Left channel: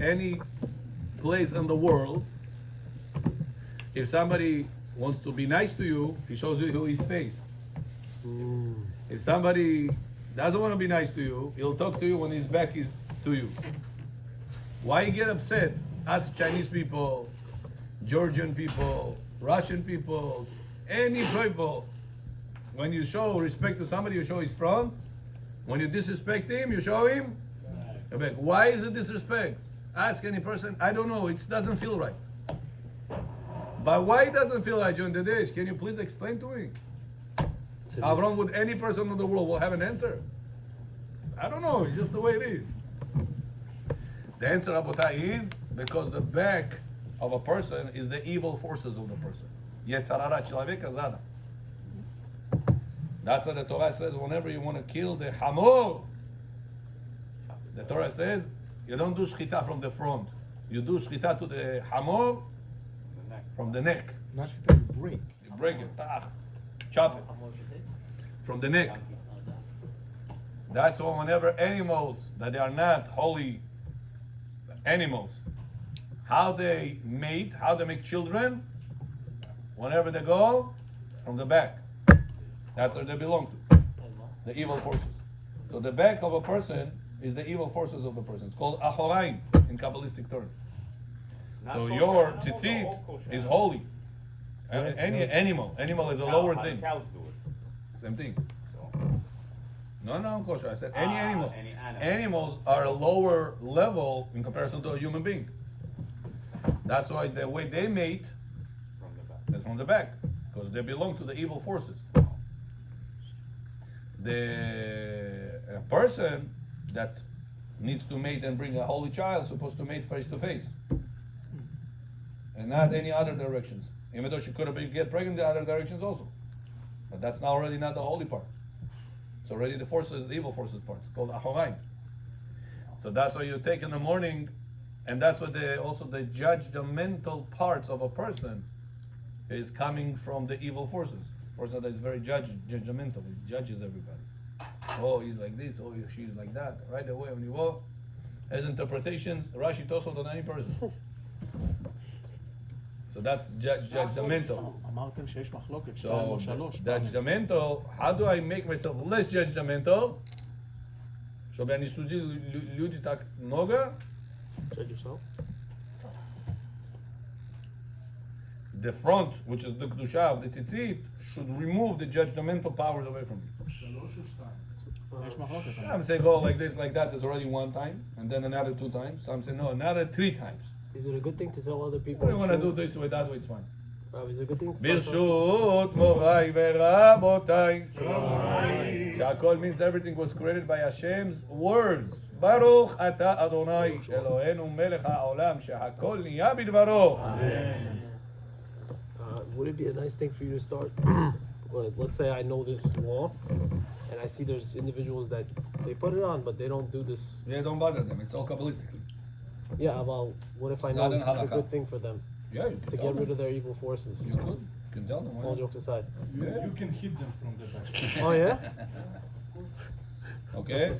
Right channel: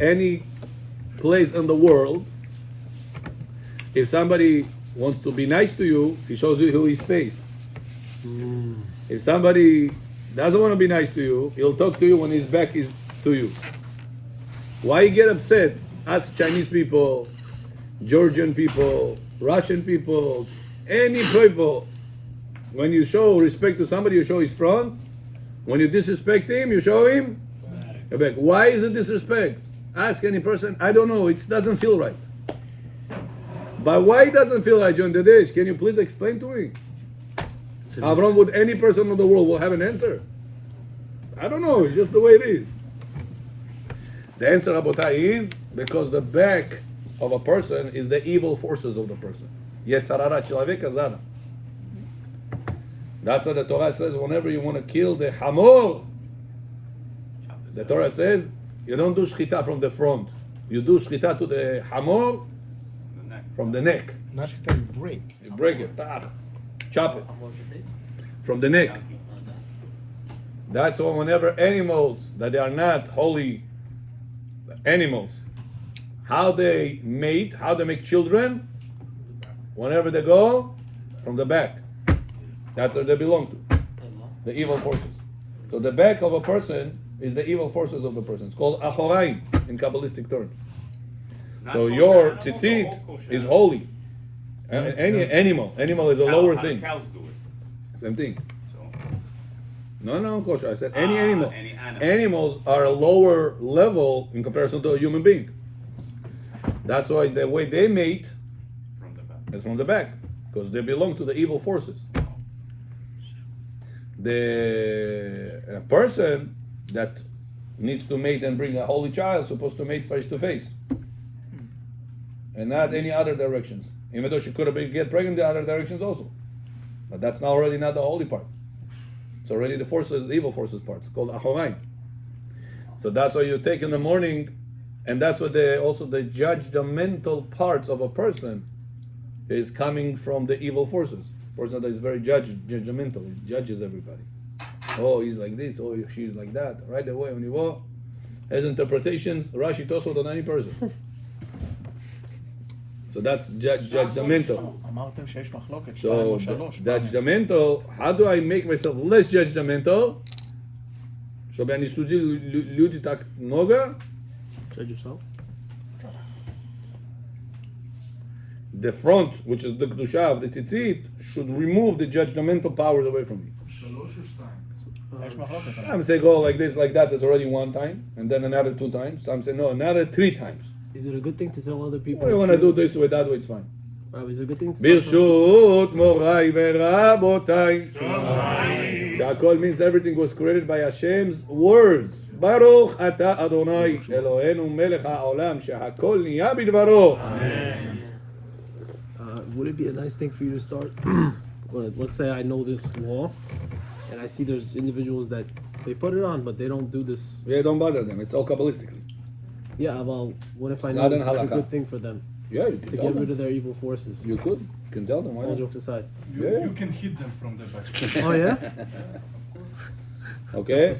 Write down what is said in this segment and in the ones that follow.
Any place in the world, if somebody wants to be nice to you, he shows you his face. If somebody doesn't want to be nice to you, he'll talk to you when his back is to you. Why you get upset? Ask Chinese people, Georgian people, Russian people, any people. When you show respect to somebody, you show his front. When you disrespect him, you show him your back. Why is it disrespect? Ask any person. I don't know. It doesn't feel right. But why it doesn't feel right during the days? Can you please explain to me? Avram, would any person in the world will have an answer? I don't know. It's just the way it is. The answer, Rabotai, is because the back of a person is the evil forces of the person. Yetzarara Chilavek Azara. That's what the Torah says. Whenever you want to kill the hamor, the Torah says you don't do shchita from the front. You do shchita to the hamor from the neck. Not shchita, break. You break it, chop it from the neck. That's why whenever animals that they are not holy animals, how they mate, how they make children, whenever they go from the back. That's where they belong to, the evil forces. So the back of a person is the evil forces of the person. It's called achoraim in Kabbalistic terms. So your tzitzit is holy. Any animal is a lower thing. Same thing. No, kosher. I said any animal. Animals are a lower level in comparison to a human being. That's why the way they mate is from the back, because they belong to the evil forces. A person that needs to mate and bring a holy child is supposed to mate face to face, and not any other directions. Even though she could have been get pregnant the other directions also, but that's now already not the holy part. It's already the forces, the evil forces part. It's called achoraim. So that's why you take in the morning, and that's what also the judgmental parts of a person is coming from the evil forces. Person that is very judgmental, he judges everybody. Oh, he's like this. Oh, she's like that. Right away when you walk, has interpretations. Rashi Tosfot on any person. So that's judgmental. So judgmental. How do I make myself less judgmental? Чтобы я не судил люди так много. Judge yourself. The front, which is the kedusha of the tzitzit, should remove the judgmental powers away from me. Some say go like this, like that. It's already one time, and then another 2 times. Some say no, another 3 times. Is it a good thing to tell other people? If you want to do this way, that way, it's fine. Is it a good thing to Birshut morai verabotai. Shakol means everything was created by Hashem's words. Baruch ata Adonai Eloheinu melech haolam shehakol niya bidvaro. Would it be a nice thing for you to start? But let's say I know this law, and I see there's individuals that they put it on, but they don't do this. Yeah, don't bother them. It's all kabbalistically. Yeah, well, what if I Not know in it's a halakha. good thing for them Yeah, you can to tell get rid them. of their evil forces? You could. You can tell them. Why All not? jokes aside. Yeah. You can hit them from the back. Oh yeah? Okay.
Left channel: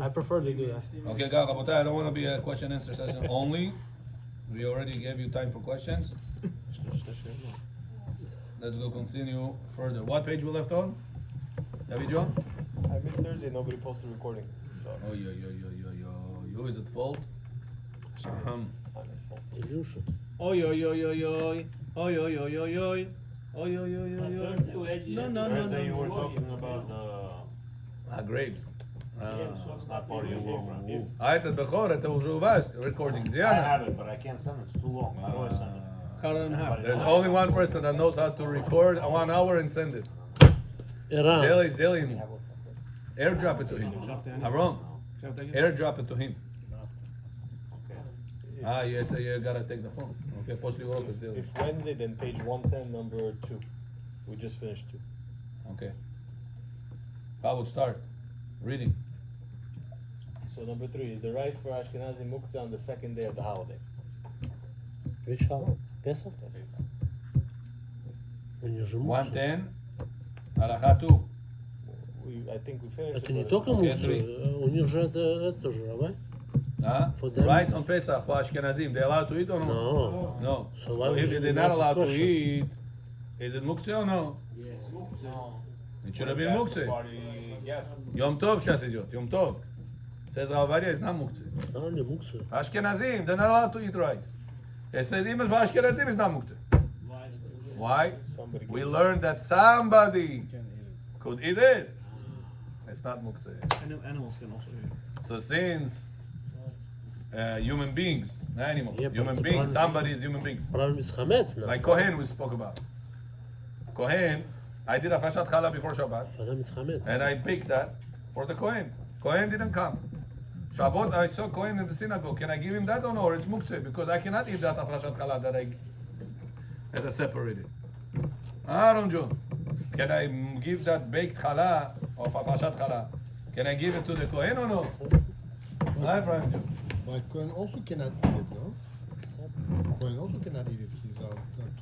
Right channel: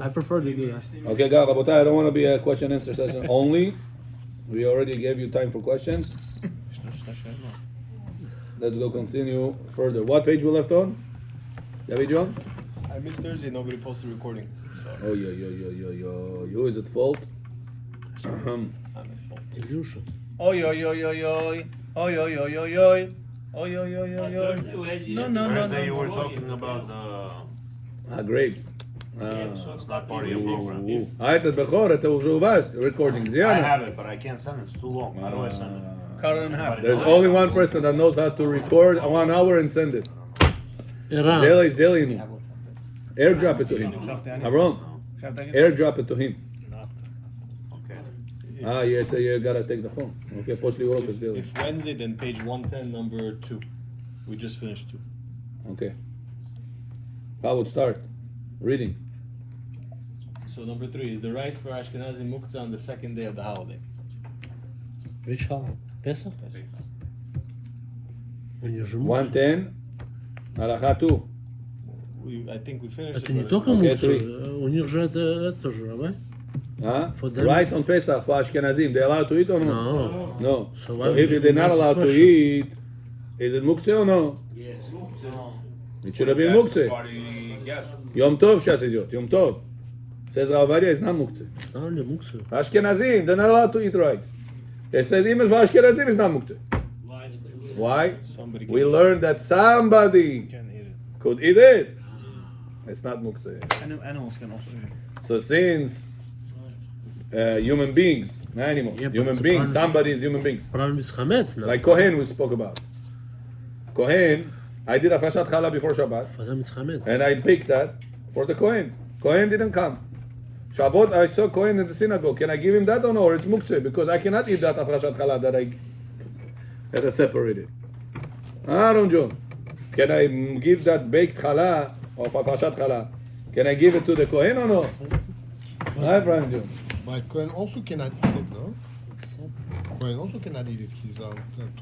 I prefer to do that. Okay, guys, Rabotai, I don't want to be a question answer session only. We already gave you time for questions. Let's go continue further. What page we left on? David John? I missed Thursday, nobody posted recording. Oh, yo. Who is at fault? I'm at fault. Oi, oi, oi, oi, oi. Oi, oi, oi, oi, oi. Oi, oi, oi, oi, oi. No. Thursday you were talking about Grapes. so it's not part of your program. Это Бехор, это уже у вас recording. I Диана. have it, but I can't send it. It's too long. How do I send it? Cut it in half. There's only one person that knows how to record 1 hour and send it. Zeli. Airdrop it to him. Aaron, airdrop it to him. Okay. Yeah, so you gotta take the phone. Okay, после урока сделай. If Wednesday, then page 110, number 2. We just finished 2. Okay. How would start? Reading. So number 3 is the rice for Ashkenazi muktzah on the 2nd day of the holiday. Which holiday? Pesach? When you're 110, Halacha 2. I think we finished Это не it. только Okay, мукса, у них же это же, да? Huh? For them- Rice on Pesach for Ashkenazim, they allowed to eat or no? No. No. So So why if would they're you not ask allowed the to question? eat, is it muktzeh or no? It should have been Yes, muktzeh. party, yes. Yom Tov, Shasidot, Yom Tov. Says Ovadia, it's not muktzeh. It's not only muktzah. Ashkenazim, they're not allowed to eat rice. They said even for Ashkenazim, it's not muktzeh. Why? Somebody We learned that somebody can eat it. could eat it. It's not muktzeh. Animals can also. So since human beings, not animals, Yeah, but human it's a beings, problem. somebody is human beings. Problem is chametz now. Like Kohen we spoke about. Kohen, I did a Fashat Challah before Shabbat, For them it's chametz. and I picked that for the Kohen. Kohen didn't come. Shabbat, I saw Kohen in the synagogue. Can I give him that or no? Or it's muktzeh, because I cannot eat that Fashat Challah that I separated. Aaron John, can I give that baked challah of Fashat Challah? Can I give it to the Kohen or no? Hi, Brian John. But Cohen also cannot eat it, no? Cohen also cannot eat it. He's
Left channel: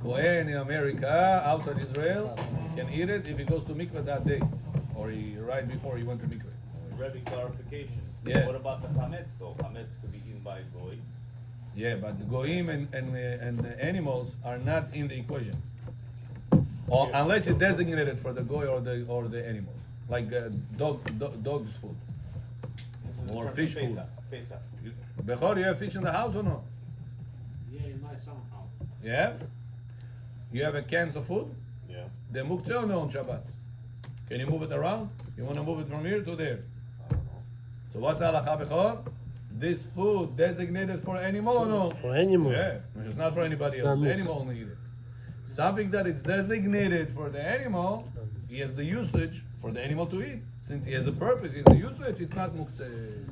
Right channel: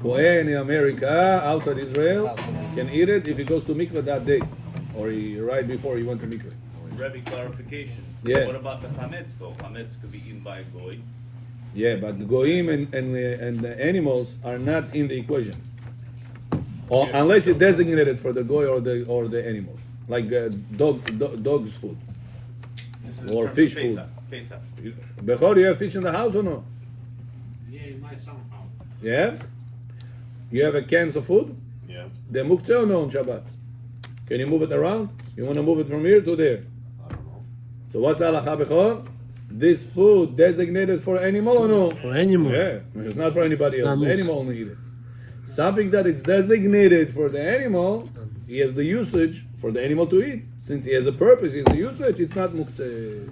Kohen in America, outside Israel, can eat it if he goes to mikveh that day, or right before he went to mikveh. Rebbe clarification. Yeah. What about the chametz though? Chametz could be eaten by a goy. Yeah, but the goyim and the animals are not in the equation, or, unless it's designated for the goy or the animals, like dog's food. This is Or in terms of fish food. Pesach. Bechor, you have fish in the house or no? Yeah. You have a cans of food? Yeah. The muktzeh or no on Shabbat? Can you move it around? You want to move it from here to there? So what's halacha bechor? This food designated for animal or no? For animals. Yeah, it's not for anybody It's else. not The animal only eat it. Something that is designated for the animal, he has the usage for the animal to eat. Since he has a purpose, he has the usage, it's not muktzeh.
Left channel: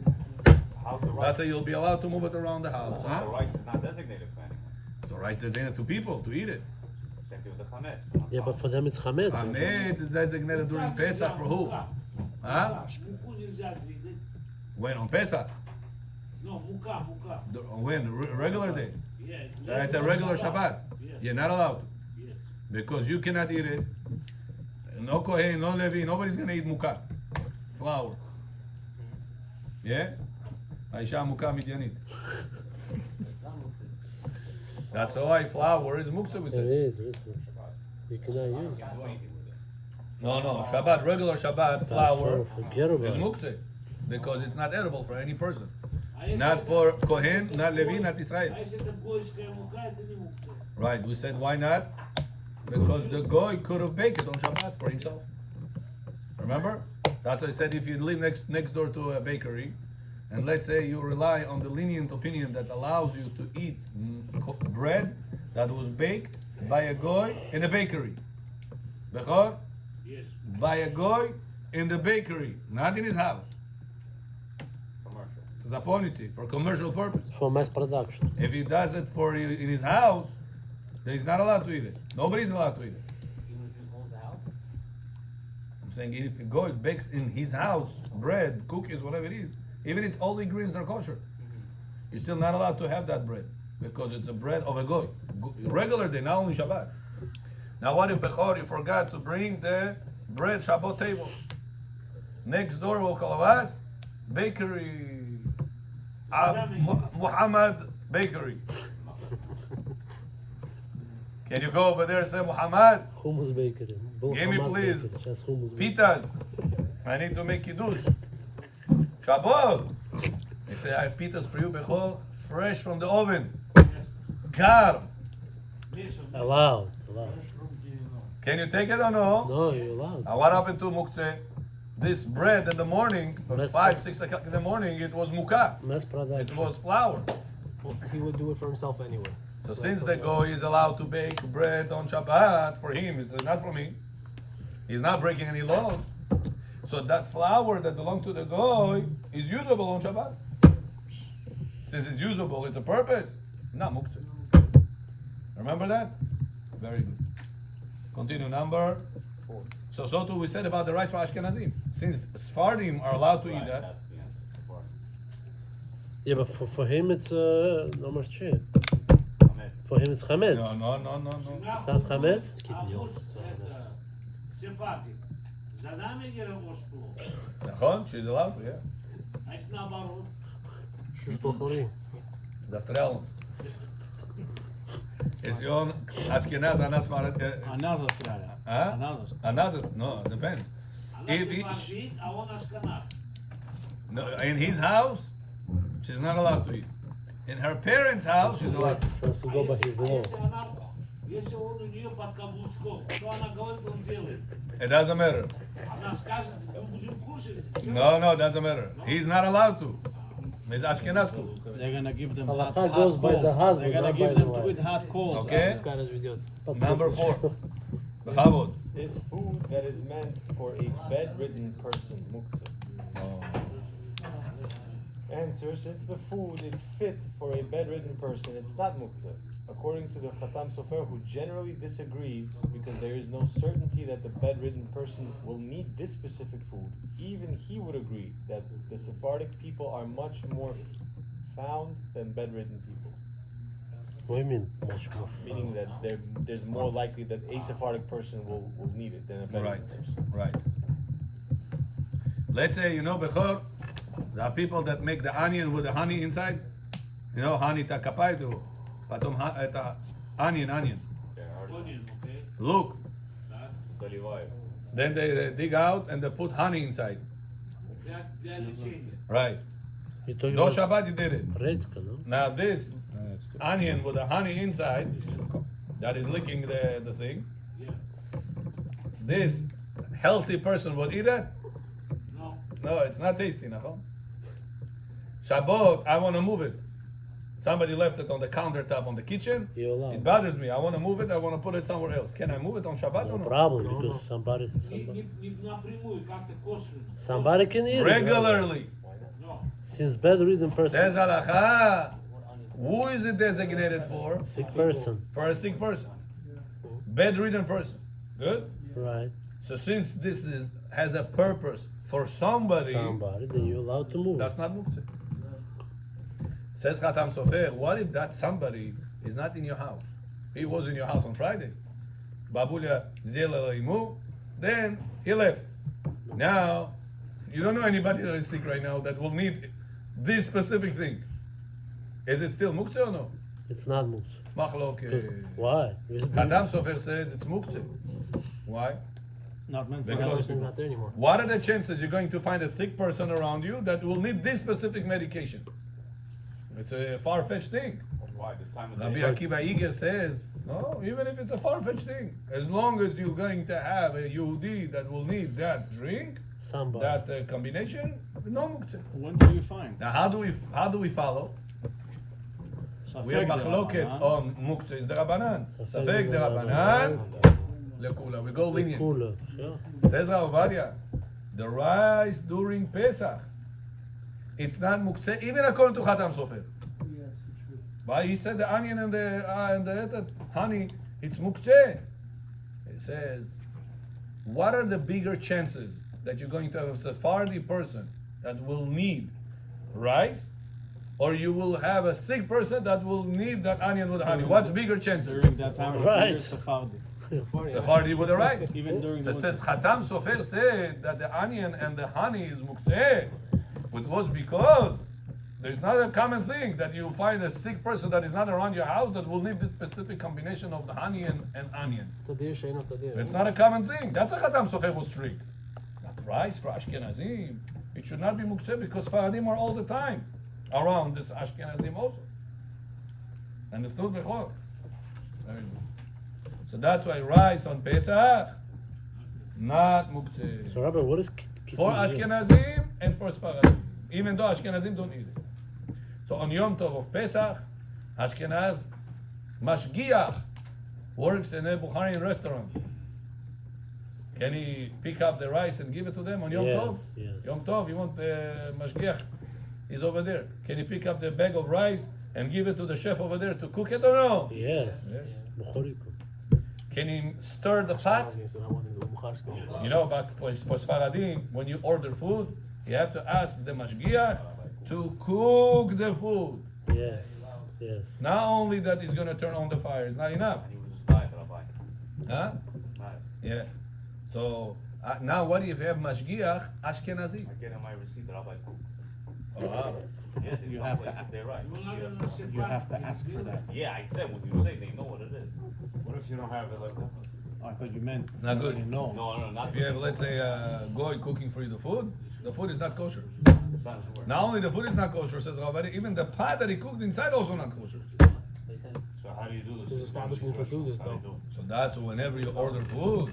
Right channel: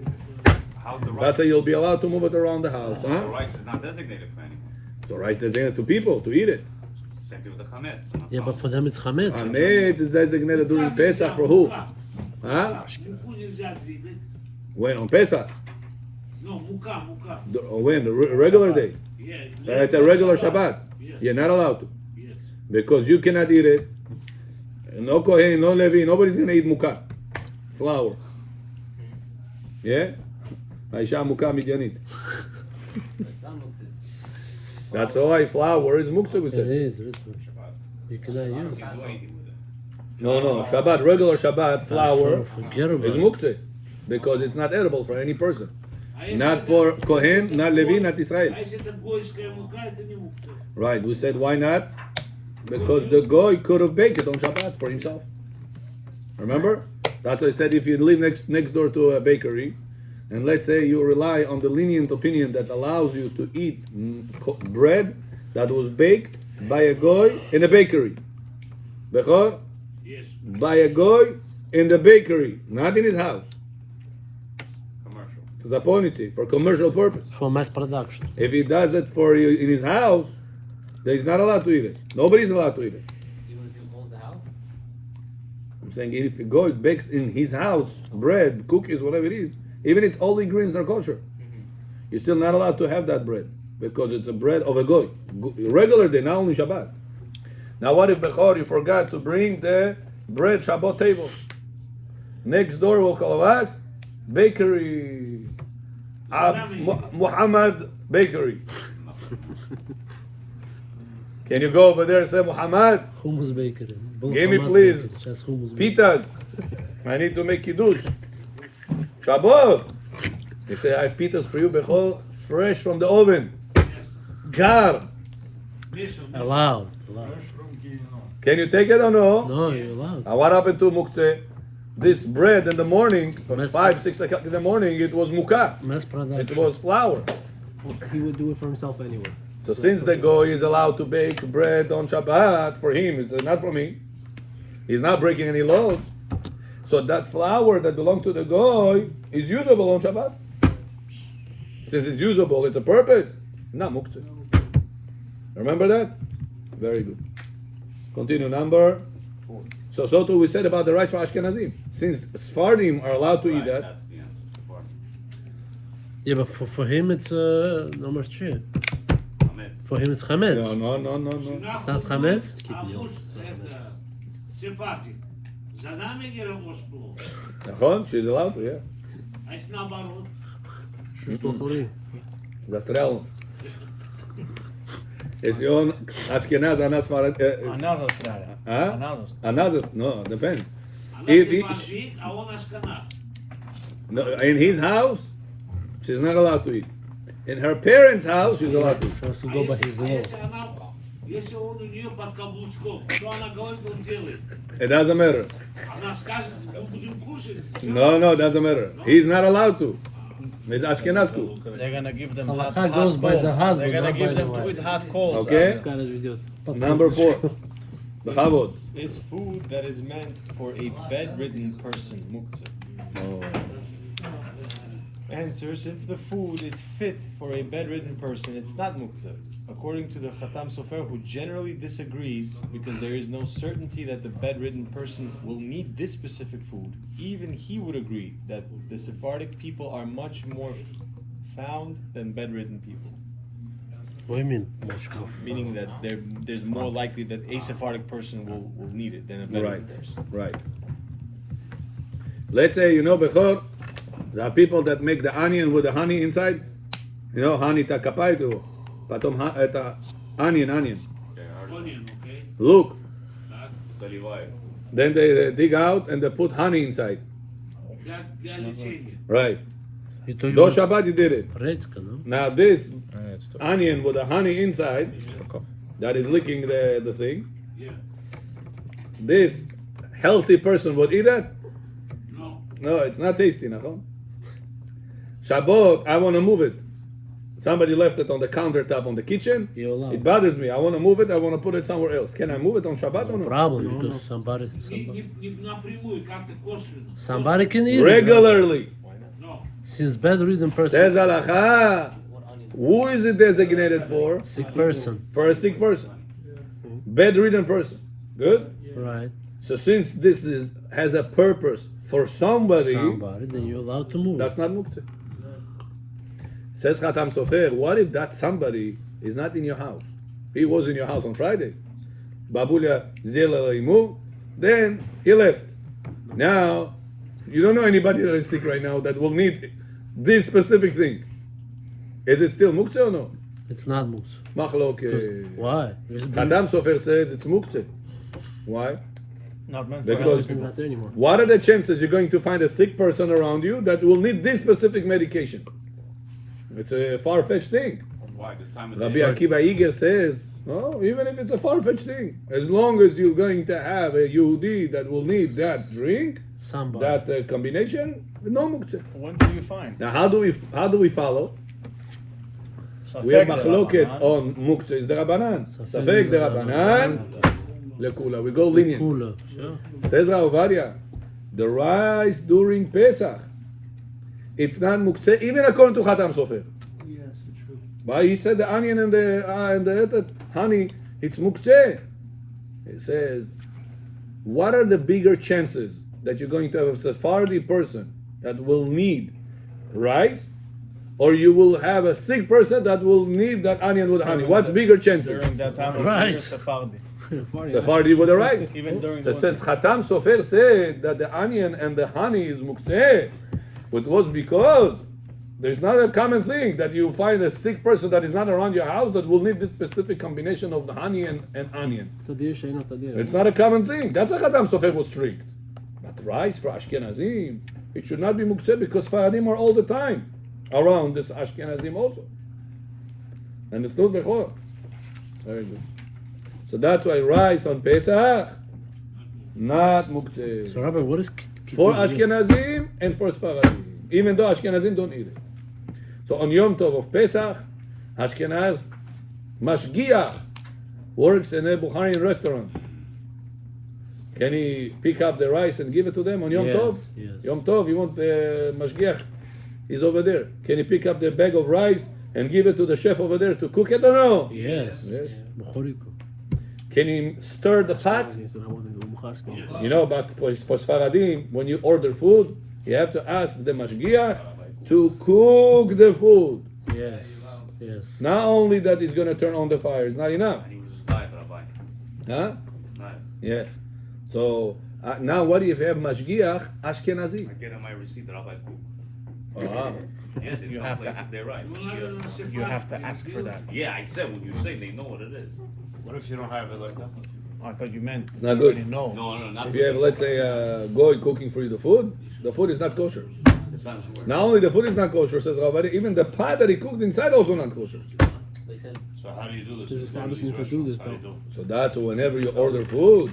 How's the rice? That's how you'll be allowed to move it around the house, The huh? rice is not designated for anyone. So rice designated to people to eat it. Same thing with the chametz. Yeah, but for them it's chametz. Hametz is designated during Pesach for who? Huh? When? On Pesach? No, muka. When? The regular day? Yeah. At a regular Shabbat? You're not allowed to. Yes. Because you cannot eat it. No Kohen, no Levi, nobody's gonna eat muka. Flour. Yeah? Aisha muka midyanit. That's why flour is muktzah, we It said. is. You cannot use it. No. Shabbat, regular Shabbat, flour Forget about is it. muktzah. Because it's not edible for any person. Not for Kohen, not Levi, not Israel. I said the boys can muka, это не мукта. Right, we said why not? Because the goy could have baked it on Shabbat for himself. Remember? That's why I said if you live next door to a bakery, and let's say you rely on the lenient opinion that allows you to eat bread that was baked by a goy in a bakery. Bechor? Yes. By a goy in the bakery, not in his house. Commercial. Zaponitzi, for commercial purpose. For mass production. If he does it for you in his house, then he's not allowed to eat it. Nobody's allowed to eat it. I'm saying if a goy bakes in his house bread, cookies, whatever it is, even if all the ingredients are kosher, you're still not allowed to have that bread because it's a bread of a goy. Regular day, not only Shabbat. Now what if Bechor, you forgot to bring the bread Shabbat table? Next door will call us bakery. Muhammad Bakery. Can you go over there and say, Muhammad, Hummus bakery. give me please Just hummus bakery. pitas. I need to make kiddush. Shabbat. He say, I have pitas for you, Bechol, fresh from the oven. Gar. Allowed. Can you take it or no? No, you're allowed. Now what happened to muktzeh? This bread in the morning, Mass- 5, 6 o'clock in the morning, it was mukah. Mass production. It was flour. He would do it for himself anyway. So since the goy is allowed to bake bread on Shabbat, for him, it's not for me. He's not breaking any laws. So that flour that belongs to the goy is usable on Shabbat. Since it's usable, it's a purpose. Not muktzeh. Remember that? Very good. Continue number. So too we said about the rice for Ashkenazim. Since Sephardim are allowed to eat that, That's the answer. Sephardim. Yeah, but for him it's number 3. Chametz. For him it's chametz. no. It's not chametz. Сепатик. За нами гера Москву. נכון? She's allowed to, yeah. А с наоборот. Застрял. Если он Ashkenaz, она Сфарад... Another story. А? Another story. Another, no, depends. Она If he, сефардит, а он ашкеназ. no, in his house, she's not allowed to eat. In her parents' house, she's allowed to eat. А если он у нее под каблучком, что она говорит, он делает? It doesn't matter. Она скажет, мы будем кушать. No, it doesn't matter. He's not allowed to. He's Ashkenazku. They're gonna give them hot, Halacha hot goes by the coals. husband, They're gonna not give by them the wife. with hot coals. Okay? This guy does videos. Number 4. Bechavod. Is food that is meant for a bedridden person muktzah? Answer: since the food is fit for a bedridden person, it's not muktzah. According to the Khatam Sofer, who generally disagrees because there is no certainty that the bedridden person will need this specific food, even he would agree that the Sephardic people are much more found than bedridden people. What do you mean? Much more. Meaning that there's more likely that a Sephardic person will need it than a bedridden Right, person. right. Let's say, Bechor, there are people that make the onion with the honey inside. Honey takapaitu. Потом это onion. Onion, okay? Look. Так. Then they dig out and they put honey inside. Для лечения. Right. И то Do его Shabbat you did it. редька, no? Now this onion with the honey inside, that is licking the thing. Yeah. This healthy person would eat that? No. No, it's not tasty, nachon. Shabbat, I want to move it. Somebody left it on the countertop on the kitchen. You're allowed. It bothers me. I want to move it. I want to put it somewhere else. Can I move it on Shabbat or no? Problem, because somebody Не напрямую, как-то косвенно. somebody can eat it. Regularly. No. Since bedridden person, Says halacha. Who is it designated for? sick person, For a sick person. Bedridden person. Good? right? So since this has a purpose for somebody, Then you're allowed to move. that's not muktzah. Says Khatam Sofer, what if that somebody is not in your house? He was in your house on Friday. Babulia zela imu, then he left. Now, you don't know anybody that is sick right now that will need this specific thing. Is it still muktzah or no? It's not muktzah. Machloke. Why? Khatam Sofer says it's muktzah. Why? Not meant for Because It's not there anymore. what are the chances you're going to find a sick person around you that will need this specific medication? It's a far-fetched thing. Why? This time of Rabbi day. Akiva Iger says, no, even if it's a far-fetched thing, as long as you're going to have a Yehudi that will need that drink, Somebody. that combination, no muktzah. When do you find? Now, how do we follow? We have machloket on muktzah is the Rabbanan. Safek the Rabbanan, lekula. We go lenient. Cooler, sure. Says Ovadia, the rice during Pesach, it's not muktzeh, even according to Khatam Sofer. But he said the onion and the honey, it's muktzeh. He says, what are the bigger chances that you're going to have a Sephardi person that will need rice, or you will have a sick person that will need that onion with honey? What's bigger chances? During that time of Rice. year, Sephardi. Sephardi with the rice. Even during So it the says Khatam Sofer said that the onion and the honey is muktzeh. It was because there's not a common thing that you find a sick person that is not around your house that will need this specific combination of the honey and onion. Tadir she'eino tadir. It's not a common thing. That's why Khatam Sofer was strict. But rice for Ashkenazim, it should not be muktzeh because Faradim are all the time around this Ashkenazim also. And it's not bechor. Very good. So that's why rice on Pesach, not muktzeh. So, Rabbi, what is For Ashkenazim and for Sfaradim, even though Ashkenazim don't eat it. So on Yom Tov of Pesach, Ashkenaz mashgiach works in a Bukharian restaurant. Can he pick up the rice and give it to them on Yom Yes, Tov? yes. Yom Tov, you want mashgiach? He's over there. Can he pick up the bag of rice and give it to the chef over there to cook it or no? Yes. Yes. Bechoriko. Can he stir the pot? He said, I want it in Bukharsk. You know, but for Sfaradim, when you order food, you have to ask the mashgiach to cook the food. Yes. Yes. Not only that he's going to turn on the fire, it's not enough. He was just live, Rabbi. Huh? It's live. Yeah. So now what if you have mashgiach Ashkenazi? I get on my receipt, Rabbi. Ah. Yeah, there's You some have to places ask. they're right. You have to ask for that. Yeah, I said when you say they know what it is. What if you don't have it like that? I thought you meant. It's not good. You know. No, not If you have, let's say, a goy cooking for you the food is not kosher. Not only the food is not kosher, says Ovadia, even the pot that he cooked inside also not kosher. So how do you do this? There's in these establishments that do restaurants? this, How do you do? So that's whenever you order food,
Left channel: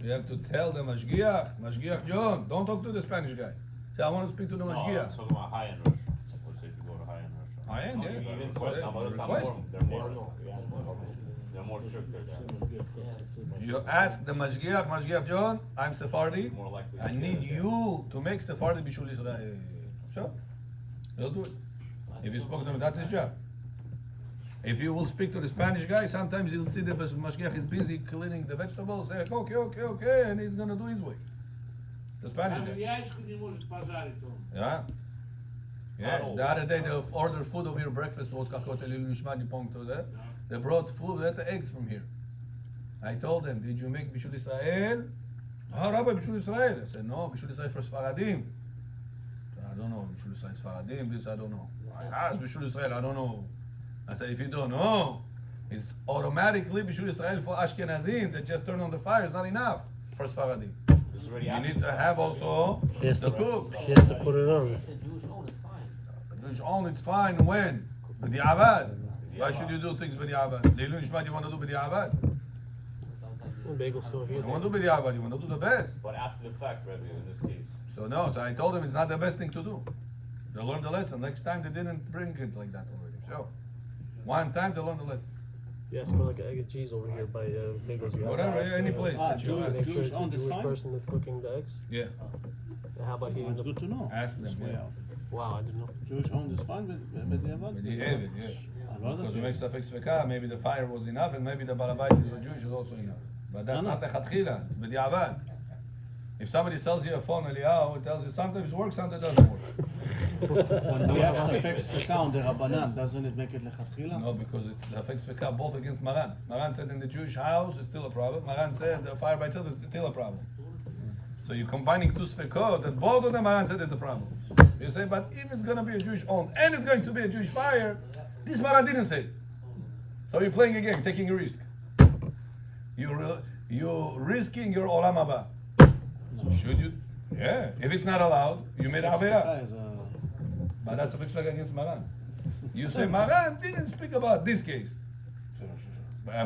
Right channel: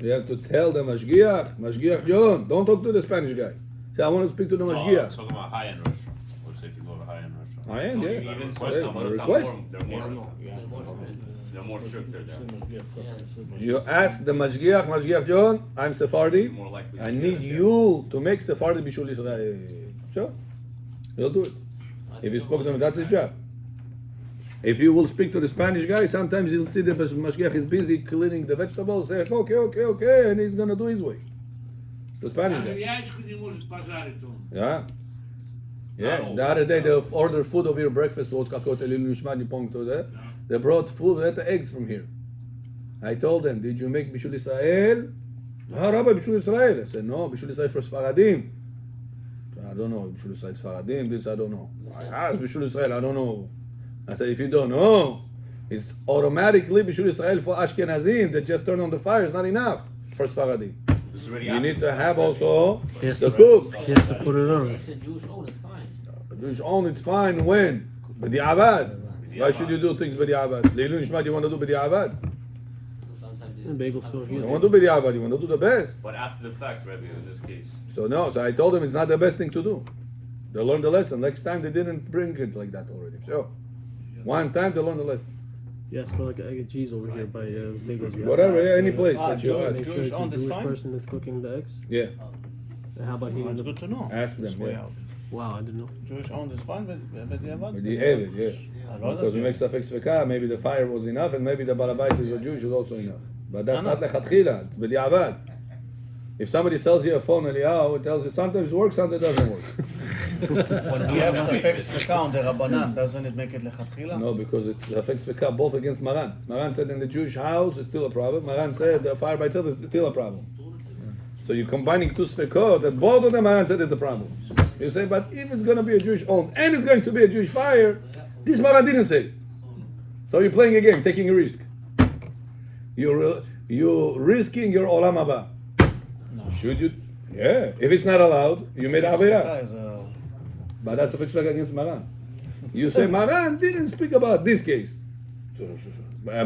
you have to tell the Mashgiach John, don't talk to the Spanish guy. Say, I want to speak to the Oh, I'm Mashgiach. talking about high-end restaurant. Let's say if you go to a high-end restaurant. High-end, yeah. You even Say, request them. request. They're more strict there. You ask the Mashgiach John, I'm Sephardi, More likely. I need you to make Sephardi Bishul Israel. Sure, he'll do it. If you spoke to him, that's his job. If you will speak to the Spanish guy, sometimes you'll see the Mashgiach is busy cleaning the vegetables, say, okay, and he's gonna do his way. The Spanish Даже guy. яичко не может пожарить он. Yeah. Yeah, the other day they ordered food over here, breakfast was какой-то лилушмани пункту, да? They brought food, they had eggs from here. I told them, did you make Bishul Israel? No, Rabbi, Bishul Israel. I said, no, Bishul Israel for Sfaradim. I don't know, Bishul Israel Sfaradim, this I don't know. I asked Bishul Israel, I don't know. I said, if you don't know, it's automatically Bishul Israel for Ashkenazim, that just turn on the fire, is not enough for Sfaradim. This is already You happened. need to have also He has the to- cook. He has to put it on. Jewish own, it's fine when? B'di'avad. Why should you do things b'di'avad? Leilun Nishmat, you want to do b'di'avad? Bagel store You here. don't want to do b'di'avad, you want to do the best. But after the fact, Rabbi, in this case. So no, so I told them it's not the best thing to do. They learned the lesson. Next time they didn't bring it like that already. So, one time they learned the lesson. Yes, for like egg and cheese over here by Bagels. You have Whatever, to yeah, ask any the- place that you ask. Make sure it's a Jewish-owned is Jewish fine? person that's cooking the eggs. Yeah, And how about here? That's good to know. ask them, This way yeah. out. Wow, I didn't know. Jewish owned is fine, but the other. With the Evid, yeah. Because we make Safek Sveka, maybe the fire was enough, and maybe the Balabait is a Jew, is also enough. But that's not lechatchila, it's b'di'avad. If somebody sells you a phone, Eliyahu, it tells you sometimes it works, sometimes it doesn't work. When we have Safek Sveka on the Rabbanan, doesn't it make it lechatchila? No, because it's Safek Sveka both against Maran. Maran said in the Jewish house it's still a problem. Maran said the fire by itself is still a problem. So you're combining two Svekot, that both of them Maran said it's a problem. You say, but if it's going to be a Jewish owned and it's going to be a Jewish fire, this Maran didn't say. So you're playing a game, taking a risk. You're risking your olam haba. Should you? Yeah. If it's not allowed, you made avera. Sveka is a- But that's a fixed against Maran. You say Maran didn't speak about this case.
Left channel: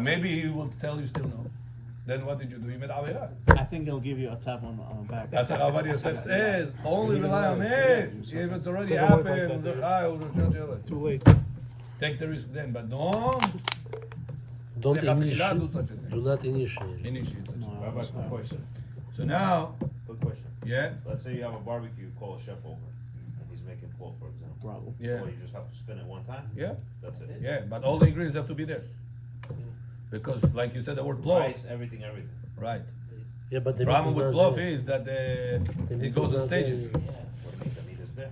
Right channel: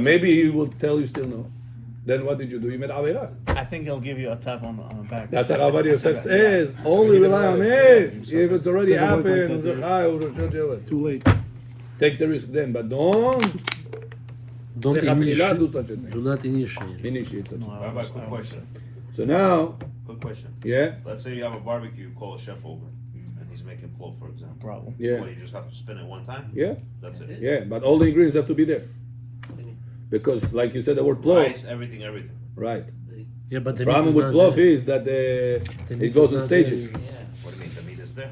Maybe he will tell you still no. Then what did you do? You made avera. I think he'll give you a tap on the back. That's what Ovadia Yosef says. Only rely on it. If it's already Doesn't work happened, like that, too Too late. take the risk then. But don't Don't lechatchila do initiate. such a thing. Do not initiate. Initiate such a thing. Rabbi, quick question. So now, Quick question. yeah, Let's say you have a barbecue, you call a chef over, and he's making plov, for example. Problem. yeah, What, you just have to spin it one time? yeah, That's it. yeah. But all the ingredients have to be there. Because, like you said, the word plov, Rice, everything. right. Yeah, but the Problem meat with is plov not there. is that The it meat goes is in not stages. there. What do you mean? The meat is there?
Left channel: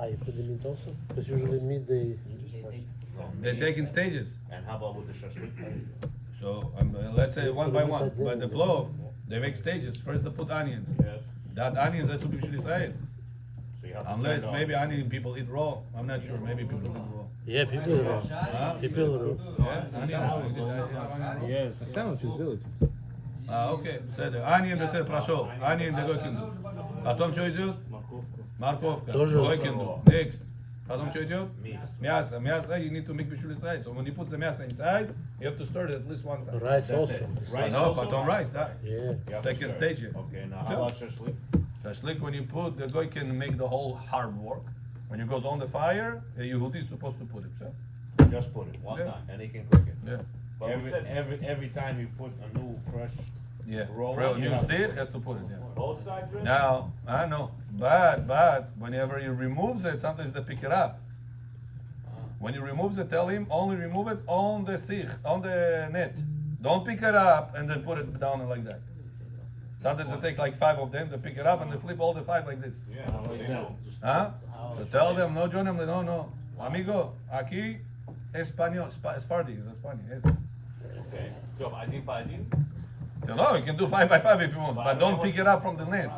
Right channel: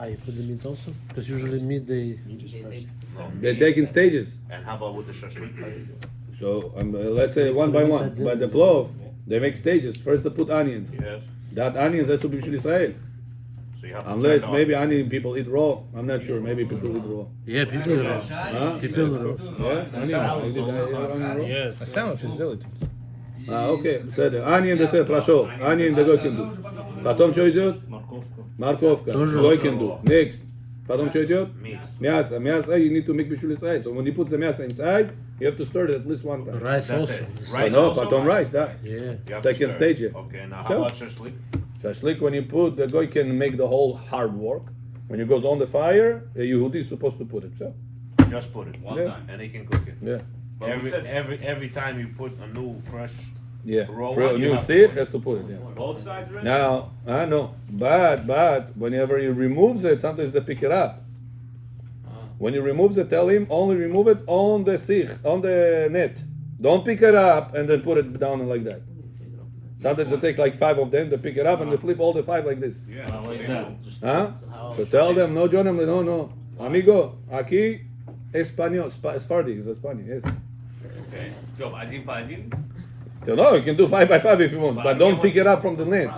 Ah, you put the meat also? Because usually meat they. They take in stages. And how about with the shashlik? So let's say one by one. But the plov, they make stages. First they put onions. Yes. That onions has to be Bishul Israel. So you have to Unless check maybe onion people eat raw. I'm not sure. Maybe people eat raw. Yeah, people know. Huh? People know. Yeah, onion. Like this, onion raw. Yes. A sandwich is good. Okay, בסדר. onion בסדר, פרשות. onion the guy can do. פתאום что идет? מרקובка. Тоже Guy can do. Next. פתאום что идет? meat. мясо. мясо, you need to make Bishul Israel. So when you put the мясо inside, you have to stir it at least one time. Rice That's also. it. But Rice no, also? потом rice, да. Yeah. You have Second to stir it. stage, yeah. Okay, now So? how about shashlik? Shashlik, when you put, the guy can make the whole hard work. When it goes on the fire, a Yehudi is supposed to put it. So, Just put it. One Yeah. time. And he can cook it. yeah. But we said Every time you put a new fresh Yeah. Roll For a on, new you have- sikh has to put it, yeah. both sides ready? Now, I know, but whenever he removes it, sometimes they pick it up. When he removes it, tell him only remove it on the sikh, on the net. Don't pick it up and then put it down like that. Sometimes they take like 5 of them, they pick it up and they flip all the 5 like this. Yeah. Huh? So tell them, no, John, no. Amigo, aquí, español, Sfardi is Spanish, yes. Okay. Job, adin pa adin. So no, you can do 5 by 5 if you want, but don't pick it up from the net.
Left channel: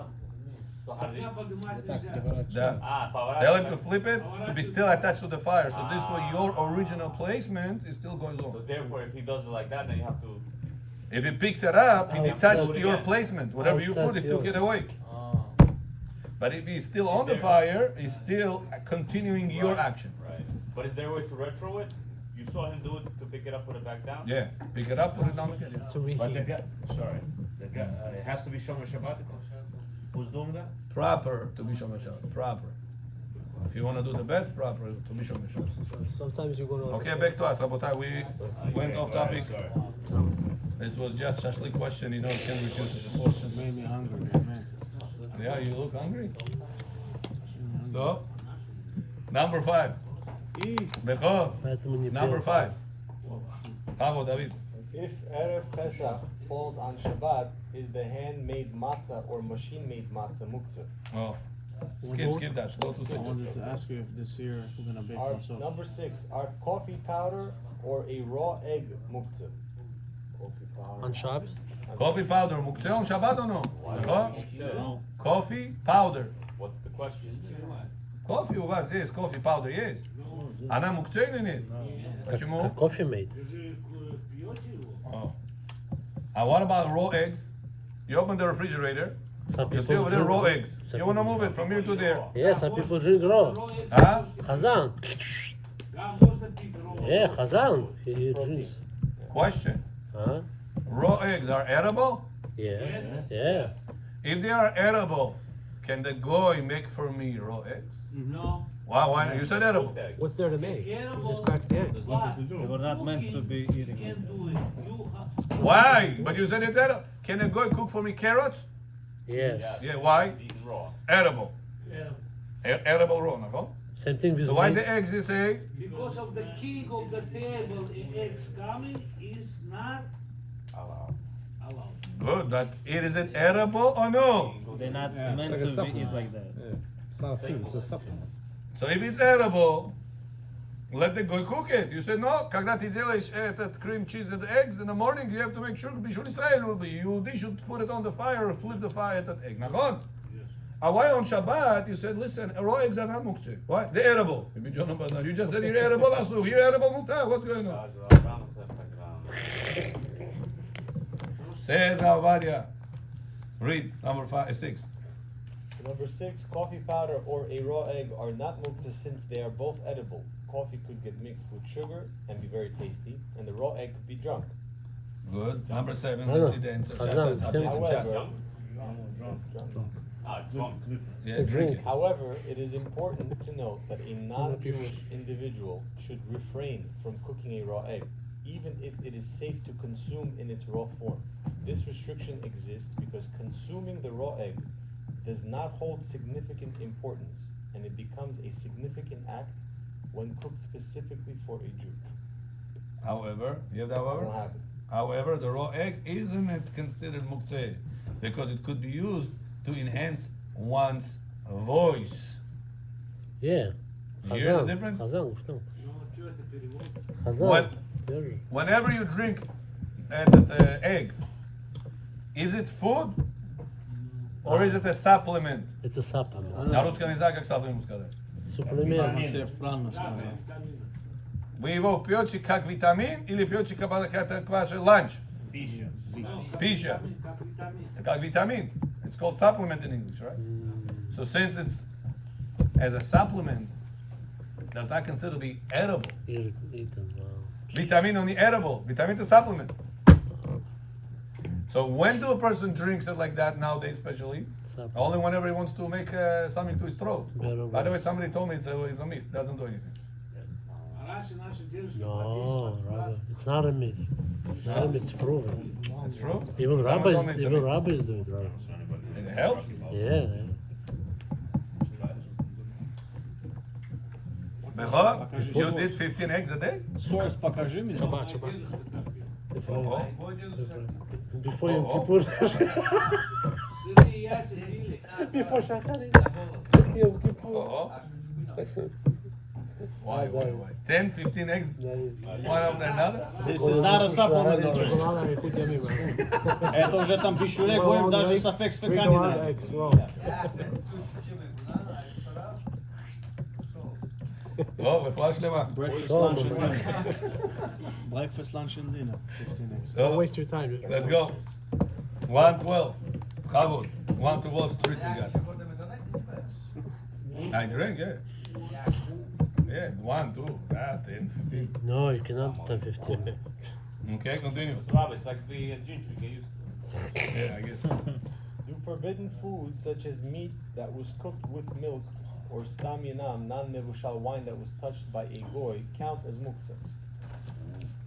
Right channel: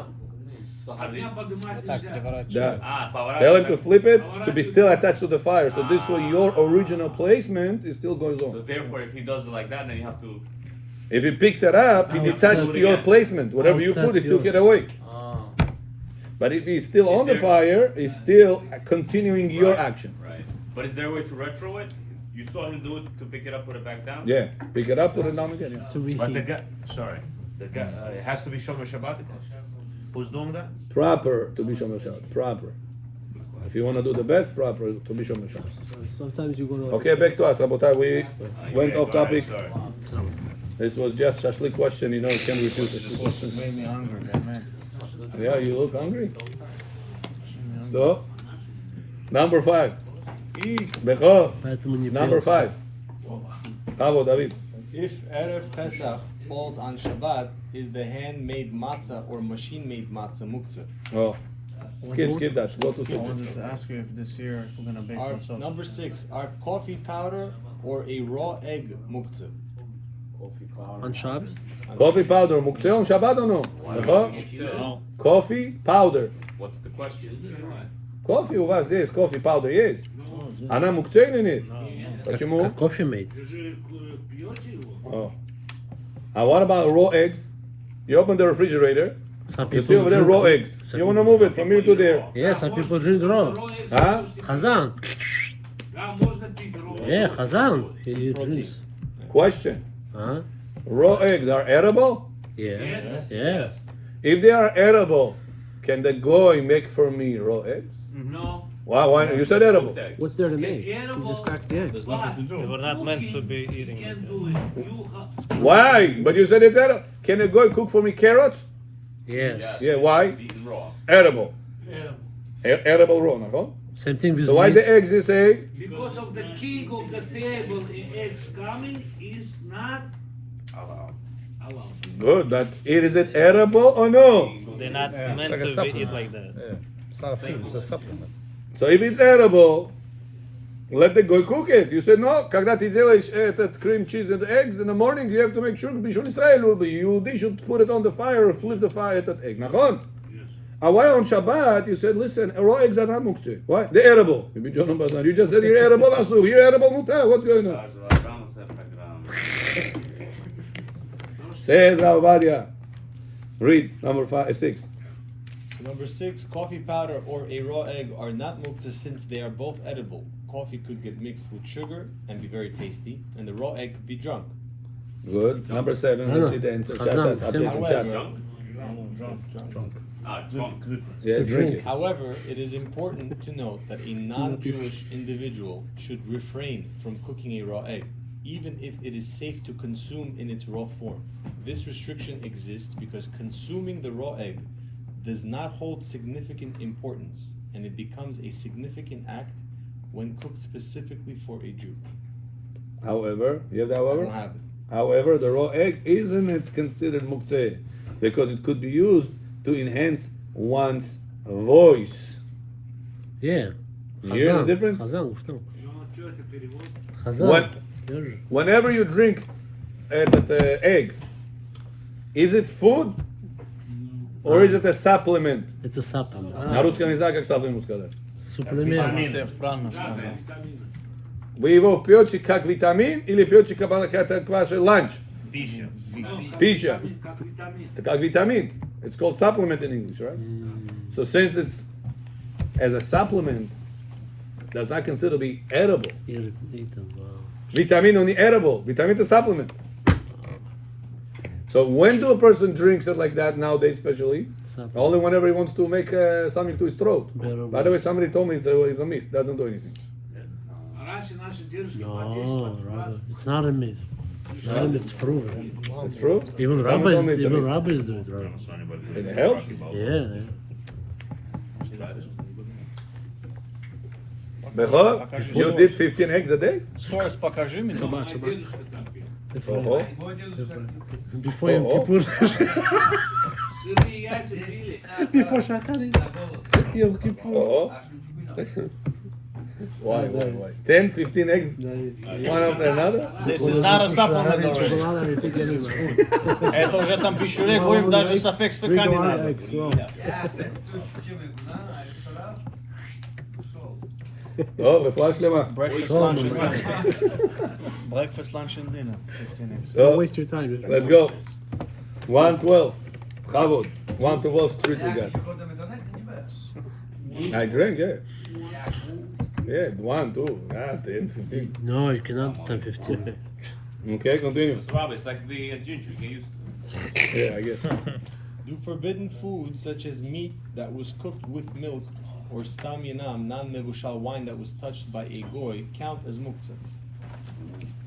how do you- Tell him to flip it to be still attached to the fire. So this way your original placement is still going So on. therefore, if he does it like that, then you have to. If he picked it up, he detached your placement. Whatever you put, he took it away. But if he's still on the fire, he's still continuing your action. Right. But is there a way to retro it? You saw him do it to pick it up, put it back down. Yeah, pick it up, put it down again. To But the reheat. guy, sorry, the guy, it has to be Shomer Shabbat. Who's doing that? Proper to be Shomer Shabbat. Proper. If you want to do the best, proper to be Shomer Shabbat. Sometimes you go to. Okay, back to us, Rabotai. We went off Go ahead, topic. sorry. This was just shashlik question. You know, you can't refuse shashlik questions. Made me hungry, man. Yeah, you look hungry. So, number 5. Becho, поэтому не number пьется. 5. Bravo, David. If Erev Pesach falls on Shabbat, is the handmade matzah or machine-made matzah muktzah? Oh, skip that. Go to 6. to ask you if this year we're gonna bake number 6, are coffee powder or a raw egg muktzah? On Shabbos? Coffee powder, muktzeh on Shabbat or no? Becho? Coffee powder. What's the question? Coffee у вас есть, coffee powder есть. Она мукцей или нет? Почему? Как кофе made. Oh. And what about raw eggs? You open the refrigerator, Some you see people over there drink raw raw. eggs. You want to move it from here to there. Yeah, some people drink raw. Huh? Chazan. Yeah, Chazan. He drinks. Question. Huh? Raw eggs are edible? Yeah. Yeah. If they are edible, can the goy make for me raw eggs? No. Why? You said edible. What's there to make? He just cracks the egg. They were not meant to be eating. Can't do it. Why? But you said it's edible. Can a goy cook for me carrots? Yes. Yeah, why? Eaten raw. Edible. Edible raw, נכון? Same thing with So why meat. the eggs you say? Because of the king of the table, the eggs coming is not allowed. Good, but is it edible or no? They're not meant to be eaten like that. It's a supplement. So if it's edible, let the guy cook it. You said no, когда ты делаешь этот cream cheese and eggs in the morning, you have to make sure Bishul Israel will be. They should put it on the fire or flip the fire at that egg. נכון? And why on Shabbat you said, listen, raw eggs are not muktzeh. Why? They're edible. You just said you're edible, asur. You're edible, mutar. What's going on? Says Ovadia. Read number 6. Number 6, coffee powder or a raw egg are not muktzah since they are both edible. Coffee could get mixed with sugar and be very tasty, and the raw egg could be drunk. Good. Number 7. Let's see the answer. Chazon. Yeah, drink it. However, it is important to note that a non-Jewish individual should refrain from cooking a raw egg, even if it is safe to consume in its raw form. This restriction exists because consuming the raw egg does not hold significant importance, and it becomes a significant act when cooked specifically for a Jew. However, you have the I however? don't have it. However, the raw egg isn't it considered muktzeh because it could be used to enhance one's voice. Yeah. You hear the difference? Chazan, что? When, Chazan. Держи. whenever you drink the egg, is it food or is it a supplement? Это supplement. На русском языке как supplement сказать? Суплемент. Вы его пьете как витамин или пьете как ваш ланч? Пища. Пища. Это как витамин. It's called supplement in English, right? So since it's as a supplement, does not consider to be edible. Eaten. Vitamin only edible. Vitamin is supplement. So when do a person drinks it like that nowadays, especially? Supplement. Only whenever he wants to make something to his throat. Better By the way, somebody told me it's a myth. Doesn't do anything. No, Rabbi, it's not a myth. It's not a myth. It's proven. It's true. Even Someone told me rabbis, it's a even myth. rabbis do it. Rabbi. It helps. Yeah. Bechor, you did 15 eggs a day? Source покажи мне. Oh, Before Yom Oh, oh. Kippur. Before Shachar. Yom Kippur. oh. Why? 10, 15 eggs, one after another? This is not a supplement already. Шоколада не пить я не знаю. Это уже там пищевик, будет даже сафек Drink a стакане lot of надо. eggs, wow. טוב, רפואה שלמה. Breakfast, lunch, and dinner. Breakfast, lunch, and dinner. 15 eggs. Don't טוב, waste your time. Just let's go. 112. Chavod. 112 street we got. I drank, yeah. Yeah, 1, 2, 10, 15. No, you cannot have 15. Okay, continue. Bob, it's like the ginger. You can use. Yeah, I guess. Do forbidden foods such as meat that was cooked with milk or stam yanam, non-nevushal wine that was touched by a goy, count as muktzah?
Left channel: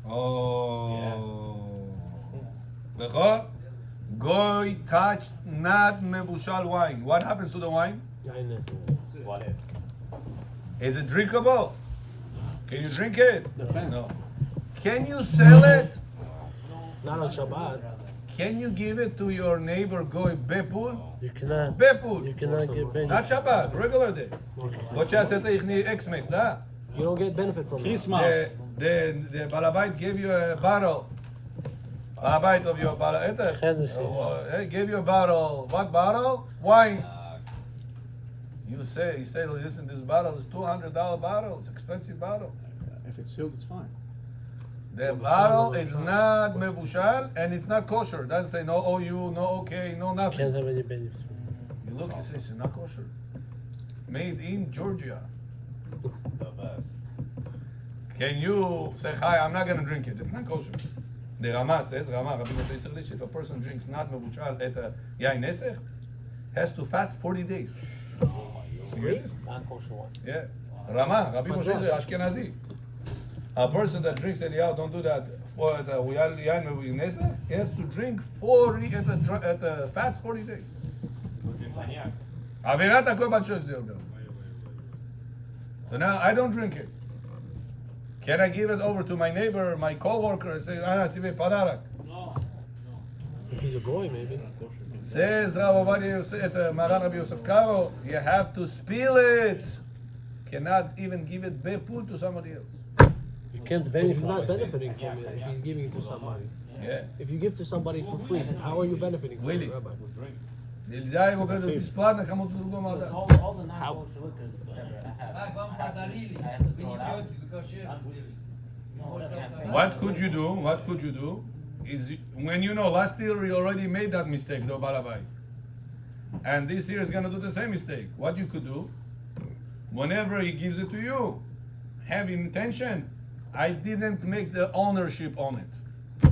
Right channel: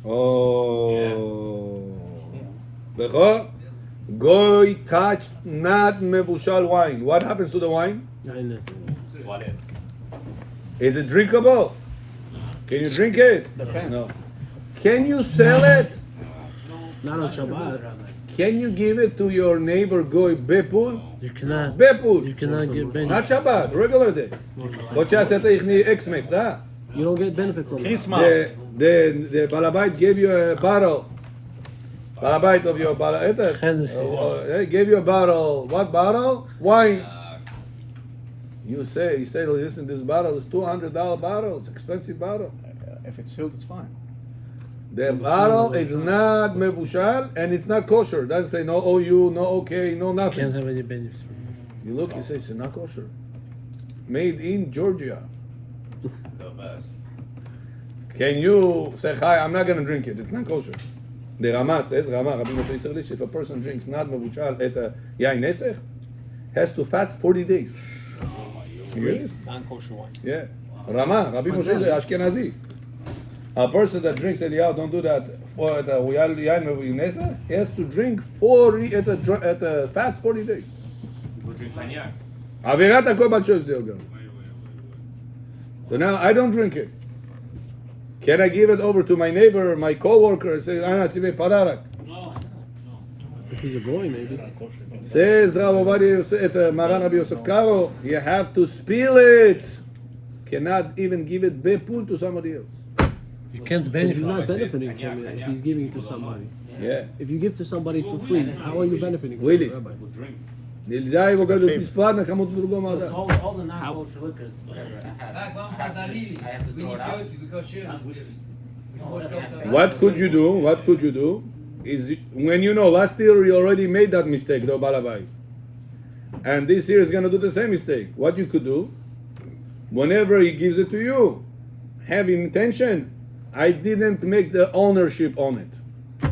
Oh. Bechor, goy touched not mevushal wine. What happens to the wine? What it? Is it drinkable? Can you drink it? No. Can you sell it? Not on Shabbat. Can you give it to your neighbor goy bepul? You cannot. Bepul. You cannot give benefit. Not Shabbat, regular day. What you said, ich need X-Max, da. You don't get benefit from that. Christmas. The balabait gave you a bottle. Balabait of your bottle. They gave you a bottle. What bottle? Wine. You say, listen, this bottle is $200 bottle. It's expensive bottle. If it's sealed, it's fine. The bottle is not mevushal and it's not kosher. Doesn't say no OU, no okay, no nothing. Can't have any benefit. You look, it says it's not kosher. Made in Georgia. The best. Can you say, hi, I'm not going to drink it. It's not kosher. The Rama says, Rabbi Moshe Moretov, if a person drinks not mevushal et yain nesech, has to fast 40 days. You hear this? Non-kosher wine. Yeah. Rabbi Moshe is Ashkenazi. A person that drinks Eliyahu, don't do that. For the yain nesech, he has to drink 40 at a fast 40 days. Go drink cognac. Avirat hakol b'shos delga. So now I don't drink it. Can I give it over to my neighbor, my co-worker, and say, "Ana tzivei padarak"? If he's a goy, maybe. Says Rav Ovadia, Maran Rabbi Yosef Karo, you have to spill it. Cannot even give it bepul to somebody else. You can't But he's benefit. not benefiting from it if he's giving it to somebody. Yeah. If you give to somebody for free, how are you benefiting from Will it? it? Rabbi? Нельзя его говорить бесплатно кому-то другому отдать. All the non-kosher liquors I have to throw it out. What could you do? What could you do? Is when you know last year you already made that mistake, though balabai, and this year is gonna do the same mistake. What you could do, whenever he gives it to you, have intention. I didn't make the ownership on it.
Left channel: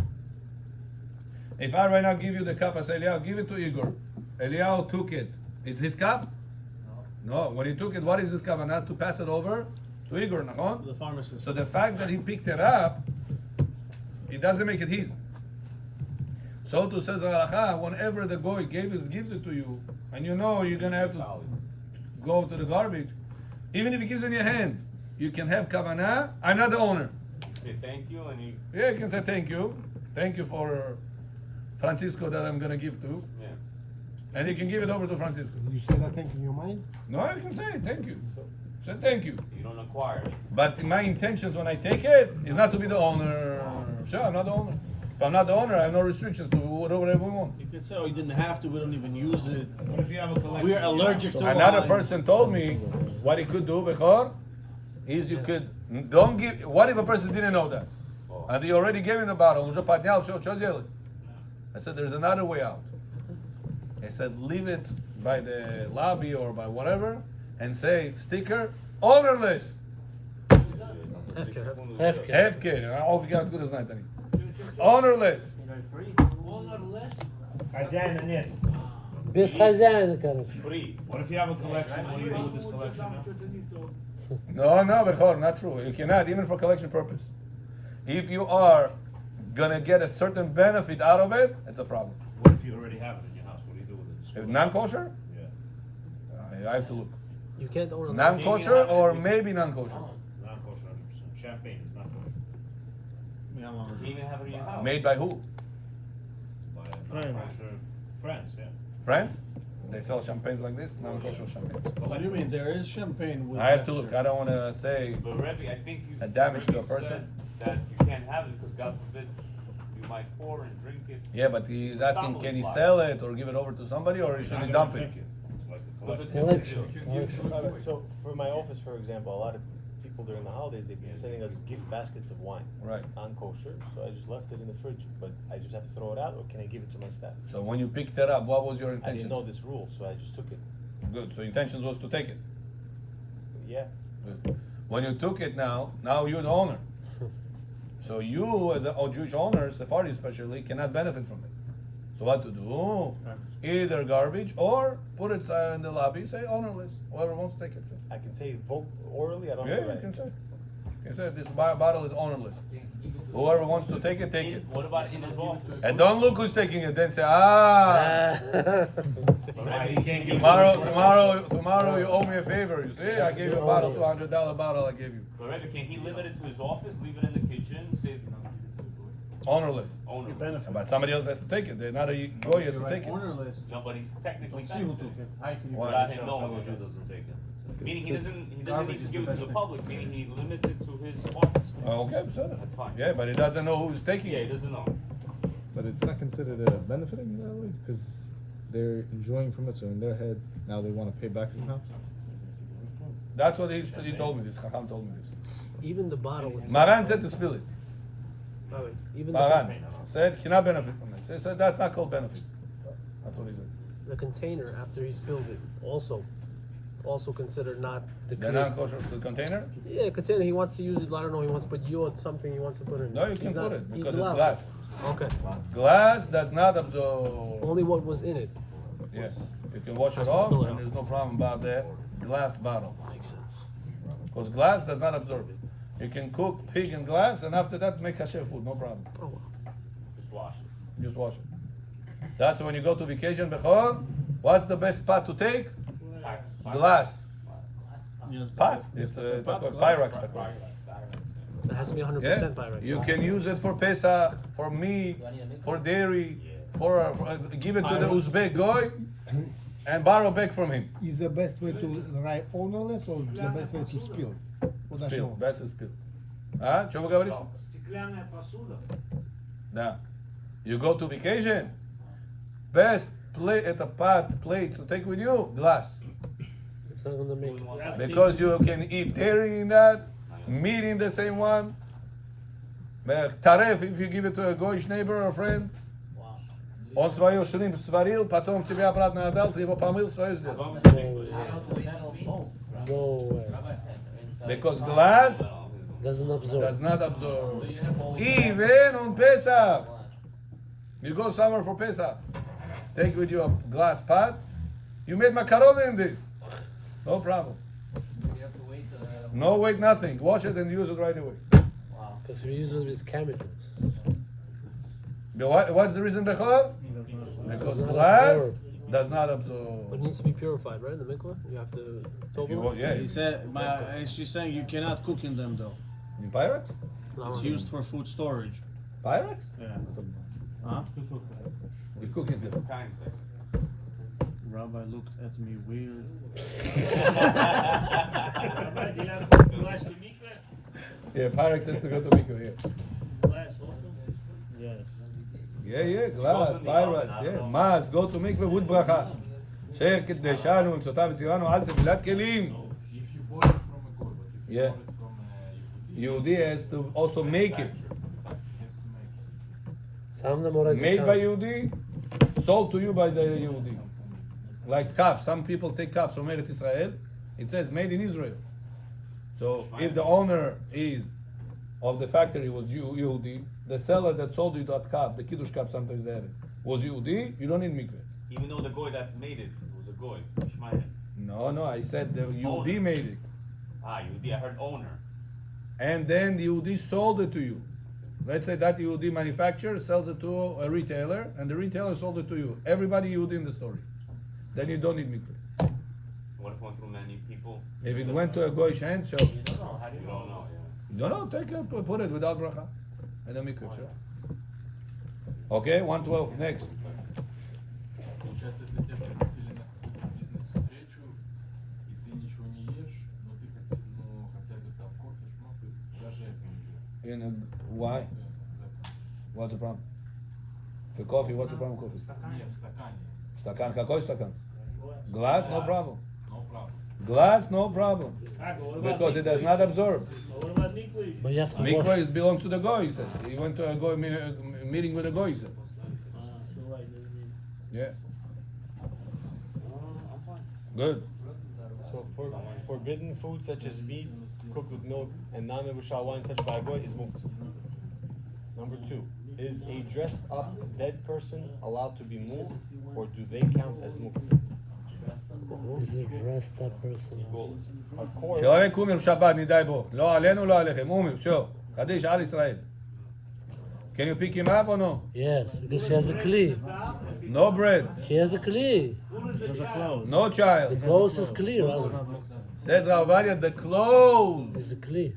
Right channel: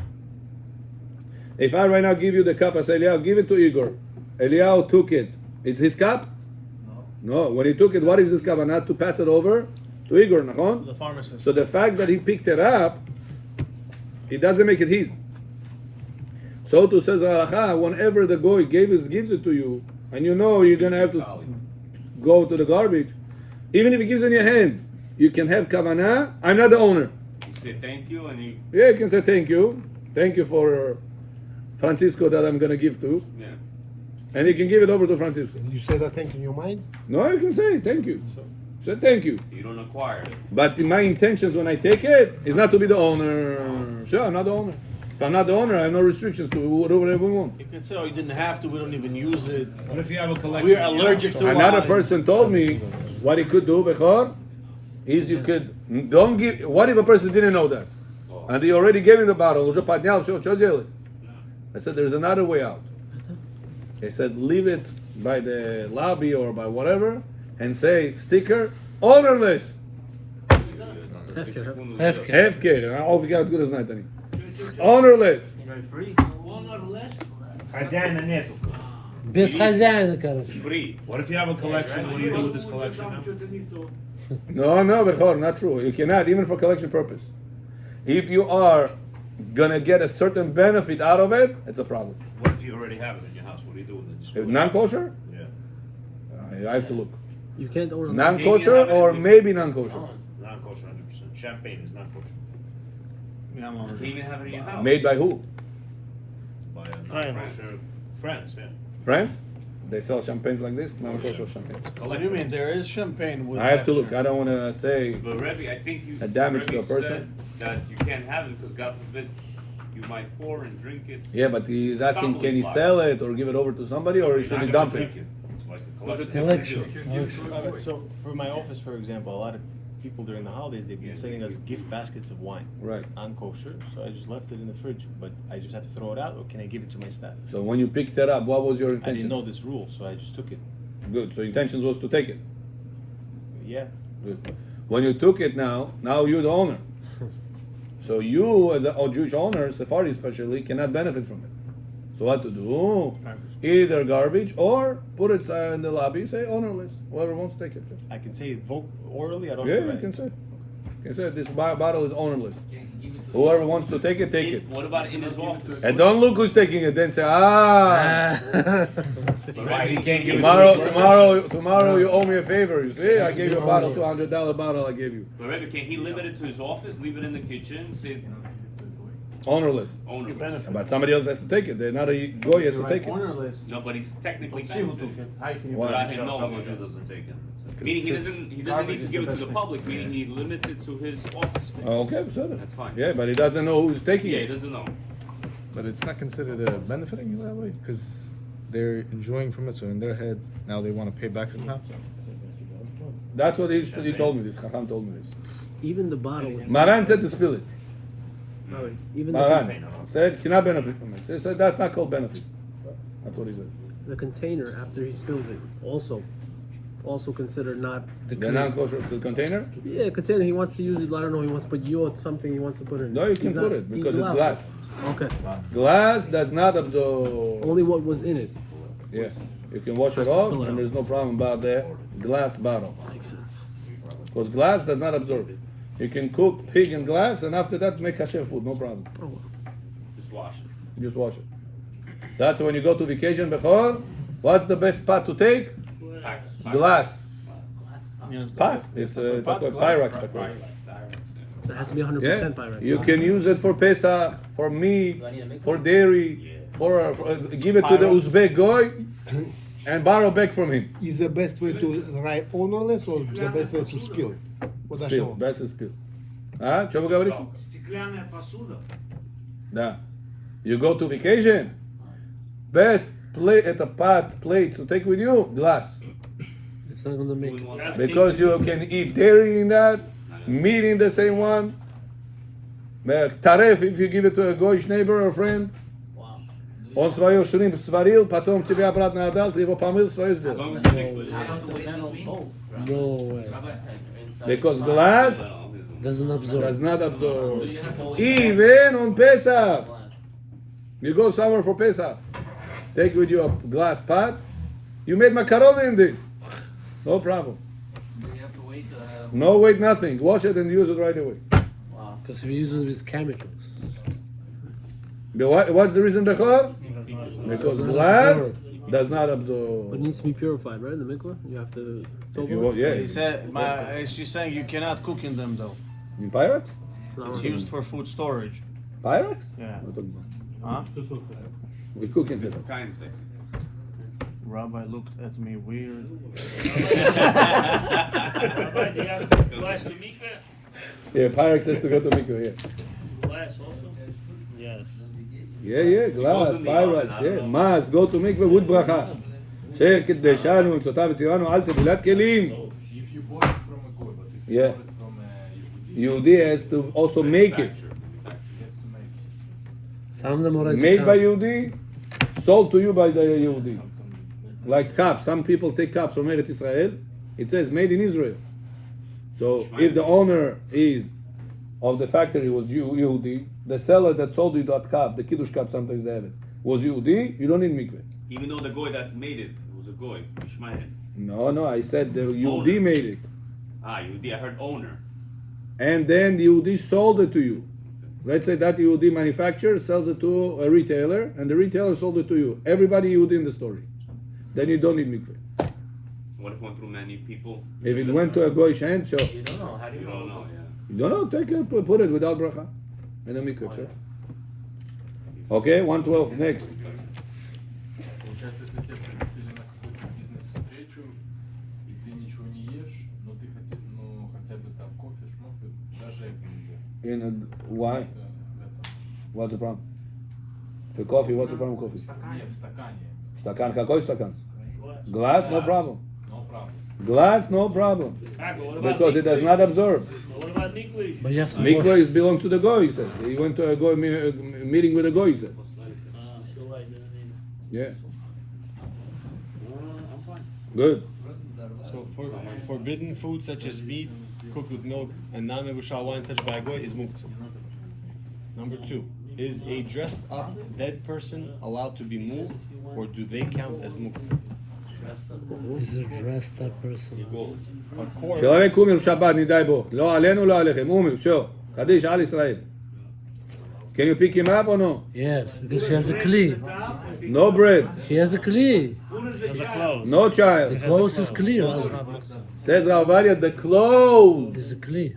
If I right now give you the cup, I say, Eliyahu, give it to Igor. Eliyahu took it. It's his cup? No. When he took it, what is his cup? And not to pass it over to Igor, nachon? The pharmacist. So the fact that he picked it up, it doesn't make it his. So to says halacha, whenever the goy gives it to you, and you know you're gonna have to go to the garbage, even if he gives it in your hand, you can have kavanah. I'm not the owner. Say thank you and you. Yeah, you can say thank you for Francisco that I'm gonna give to, Yeah. and you can give it over to Francisco. You say that thing in your mind? No, you can say thank you. Say thank you. You don't acquire it. But my intentions when I take it is not to be the owner. Sure, I'm not the owner. If I'm not the owner, I have no restrictions to whatever we want. You can say, oh, you didn't have to, we don't even use it. What if you have a collection? We're allergic to Another wine. person told me what he could do, Bechor, is you could don't give. What if a person didn't know that, and he already gave him the bottle? I said there's another way out. He said leave it by the lobby or by whatever, and say sticker ownerless. Hefker. All we got good as night. Ownerless. Хозяина нету. Без хозяина, короче. Free. What if you have a collection? What do you do with this collection now? No, Bechor, not true. You cannot, even for collection purpose. If you are gonna get a certain benefit out of it, it's a problem. What if you already have it in your house? What do you do with it? If non-kosher, Yeah. I have to look. You can't order. Non-kosher or maybe non-kosher. Non-kosher, 100%. Champagne is not kosher. You can even have it in your house. Made by who? By a Friends. non-kosher friends, yeah. France? They sell champagnes like this, non-kosher champagne. What do you mean? There is champagne with I have to look. I don't want to say But Rebbe, I think you. a damage to a Rebbe person. said that you can't have it because God forbid you might pour and drink it. Yeah, but he's asking, can he sell it or give it over to somebody, or should he dump it? So for my office, for example, a lot of people during the holidays, they've been sending us gift baskets of wine. Right. Non-kosher, so I just left it in the fridge, but I just have to throw it out, or can I give it to my staff? So when you picked it up, what was your I didn't intention? know this rule, so I just took it. Good. So intentions was to take it. Yeah. Good. When you took it now you're the owner. So you, as a Jewish owner, Sephardi especially, cannot benefit from it. So what to do? Either garbage or put it in the lobby, say ownerless. Whoever wants to take it. I can say it orally, I don't Yeah, have to you write can it. say. You can say this bottle is ownerless. Whoever wants to take it, take it. What about in his office? And don't look who's taking it. Then say, ah. Right, he can't give it Tomorrow you owe me a favor. You see, I gave you a bottle, $200 bottle I gave you. But Rebbe, can he limit it to his office, leave it in the kitchen, say Ownerless. owner? But somebody else has to take it. They're not a goy has to take it. No, but he's technically benefiting. Why? I didn't know Moshe doesn't take it. Meaning he doesn't need to give it to the public, meaning he limits it to his office space. Okay, so That's fine. yeah, but he doesn't know who's taking Yeah, he it. doesn't know. But it's not considered benefiting you that way because they're enjoying from it. So in their head, now they want to pay back somehow. That's what he told me. This Chacham told me this. Even the bottle. Maran said to spill it. No, even the, Maran said cannot benefit from it. He said that's not called benefit. That's what he said. the container after he spills it also considered not The non-kosher the container? yeah container. He wants to use it. I don't know. He wants to put something he wants to put in. No, you He's can not- put it because he's it's allowed. glass. Okay. Glass does not absorb. Only what was in it. Yeah, you can wash it Just to off, spill it and out. there's no problem about the glass bottle. Makes sense. Because glass does not absorb it. You can cook pig in glass, and after that make kasher food, no problem. Just wash it. Just wash it. That's when you go to vacation, Bechor. What's the best pot to take? Packs. Glass. Pot. It's a Pyrex. It has to be 100% Yeah. Pyrex. You can use it for Pesach, for meat, for dairy, for give it to the Uzbek goy, and borrow back from him. Is the best way to write ownerless or the best way to spill? Вот Spill. что? Best is spill. А? Что вы говорите? Стеклянная посуда. Да. You go to vacation. Best plate at a pot plate to take with you, glass. It's not gonna make. Because you can eat dairy in that, meat in the same one. Taref, if you give it to a goyish neighbor or friend. Он свое шримп сварил, потом тебе обратно отдал, ты его помыл, свое сделал. No way. Because glass Doesn't absorb. does not absorb. Even on Pesach. You go somewhere for Pesach. Take with you a glass pot. You made macaroni in this. No problem. No wait, nothing. Wash it and use it right away. Because we're using these chemicals. But what's the reason, Bechor? Because glass does not It absorb. needs to be purified, right? The mikvah? You have to. If you want, yeah. He said, she's saying you cannot cook in them though. In Pyrex? It's used for food storage. Pyrex? Yeah. Huh? We cook in them. Rabbi looked at me weird. Glass to mikveh? Yeah, Pyrex has to go to mikveh, yeah. Glass also? Yes. Yeah, glass, Pyrex, yeah. Mas, go to mikveh with bracha. Sher kideshanu, וצותה וצירנו, אל תבילת כלים. Yeah. Yehudi has to also make it. Made by Yehudi, sold to you by the Yehudi. Like cups, some people take cups from Eretz Israel. It says made in Israel. So if the owner is of the factory was Yehudi, the seller that sold you that cup, the Kiddush cup, sometimes they have it, was Yehudi, you don't need mikveh. Even though the guy that made it was a guy, Ishmael. No, I said the Yehudi made it. Ah, I heard owner. And then the Yehudi sold it to you. Let's say that Yehudi manufacturer sells it to a retailer, and the retailer sold it to you. Everybody Yehudi in the story. Then you don't need mikveh. What if it went through many people? If it went to a goyish hand, sure. You don't know. How do you You don't know, yeah. You don't know, take it, put it without bracha. And a mikveh, sure. Okay, 112, next. Why? What's the problem? For coffee, what's the problem with coffee? Стакан, какой стакан? Glass, no problem. Glass, no problem. Because it does not absorb. What about mikveh? But you have to Mikveh wash. is belongs to the goy, he says. He went to a goy meeting with a goy, he said. Yeah. Good. So for forbidden food such as meat cooked with milk and non-negotiable wine touched by a goy is muktzah. Number 2, is a dressed up dead person allowed to be moved, or do they count as muktzah? This is a dressed up person. But corpse, человек умер в шаббат, не дай Бог. לא עלינו, לא עליכם. умер, все. קדיש על ישראל. Can you pick him up or no? Yes, because he has a kli. No bread. He has a kli. No child. The clothes is clear. Says Ovadia, the clothes It's a kli.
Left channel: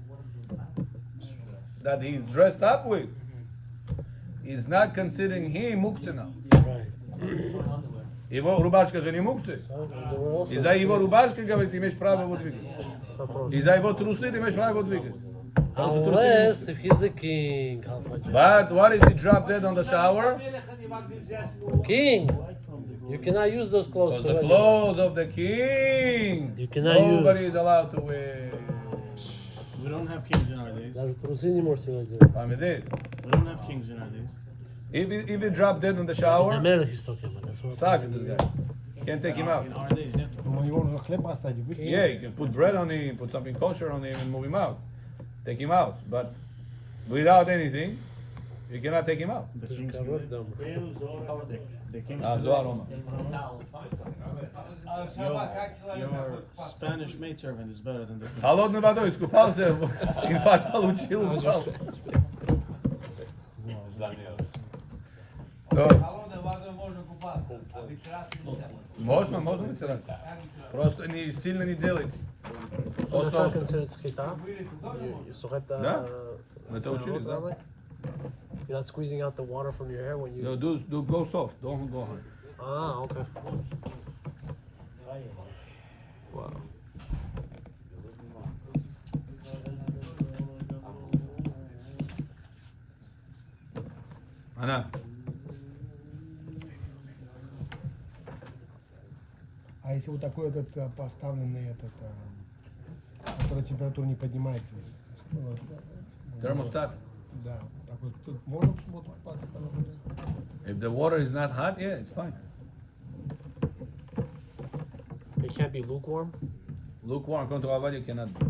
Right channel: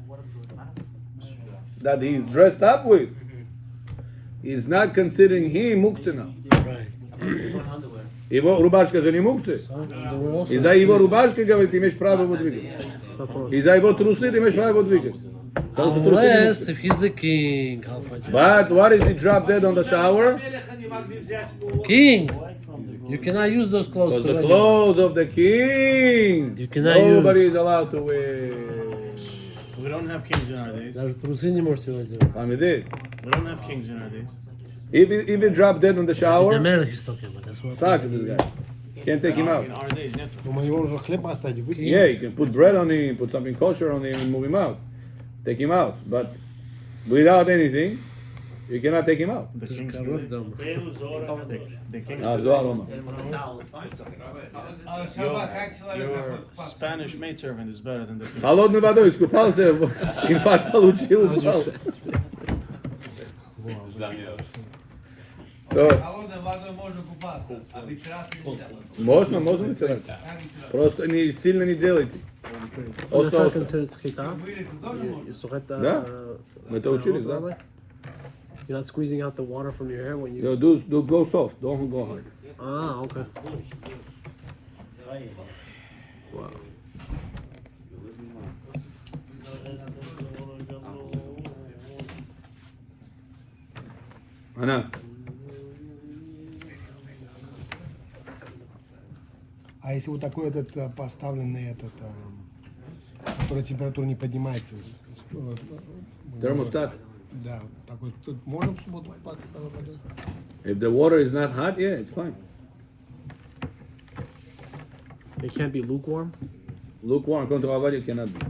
that he's dressed up with is not considering him muktzah now. Right. Его рубашка же не мукция. И за его рубашкой, говорит, имеешь право его двигать. И за его трусы ты имеешь право его двигать. Потому что трусы не Unless мукция. if he's a king. how about you? But what if he dropped dead on the shower? King. You cannot use those clothes. Because to the run. clothes of the king, You cannot nobody use. is allowed to wear. We don't have kings in our days. Даже трусы не можете одевать. I mean, did. We don't have kings in our days. If he dropped dead on the The shower, man he's talking about. That's what. stuck this guy. Can't take him out. In our days, net. Думаю, его уже хлеб оставить. Yeah, you can put bread on him, put something kosher on him, and move him out. Take him out. But without anything, you cannot take him out. The kings still live. The kings Ah, still Zohar live. Oma. Your Spanish maidservant is better than the king. Холодной водой искупался, инфаркт получил, упал. Можно вытирать. Просто сильно не делайте. It's Остро. considered schita. You sweat the. Да. Мы это учились, да? You're not squeezing out the water from your hair when you. You do go soft, don't go hard. Ah, okay. Она. А если вот такой этот поставленный этот, который температура не поднимается, Thermostat. да, такой, тут можно в субботу купаться? If the water is not hot, yeah, it's fine. It can't be lukewarm. Lukewarm, according to Ovadia, cannot be.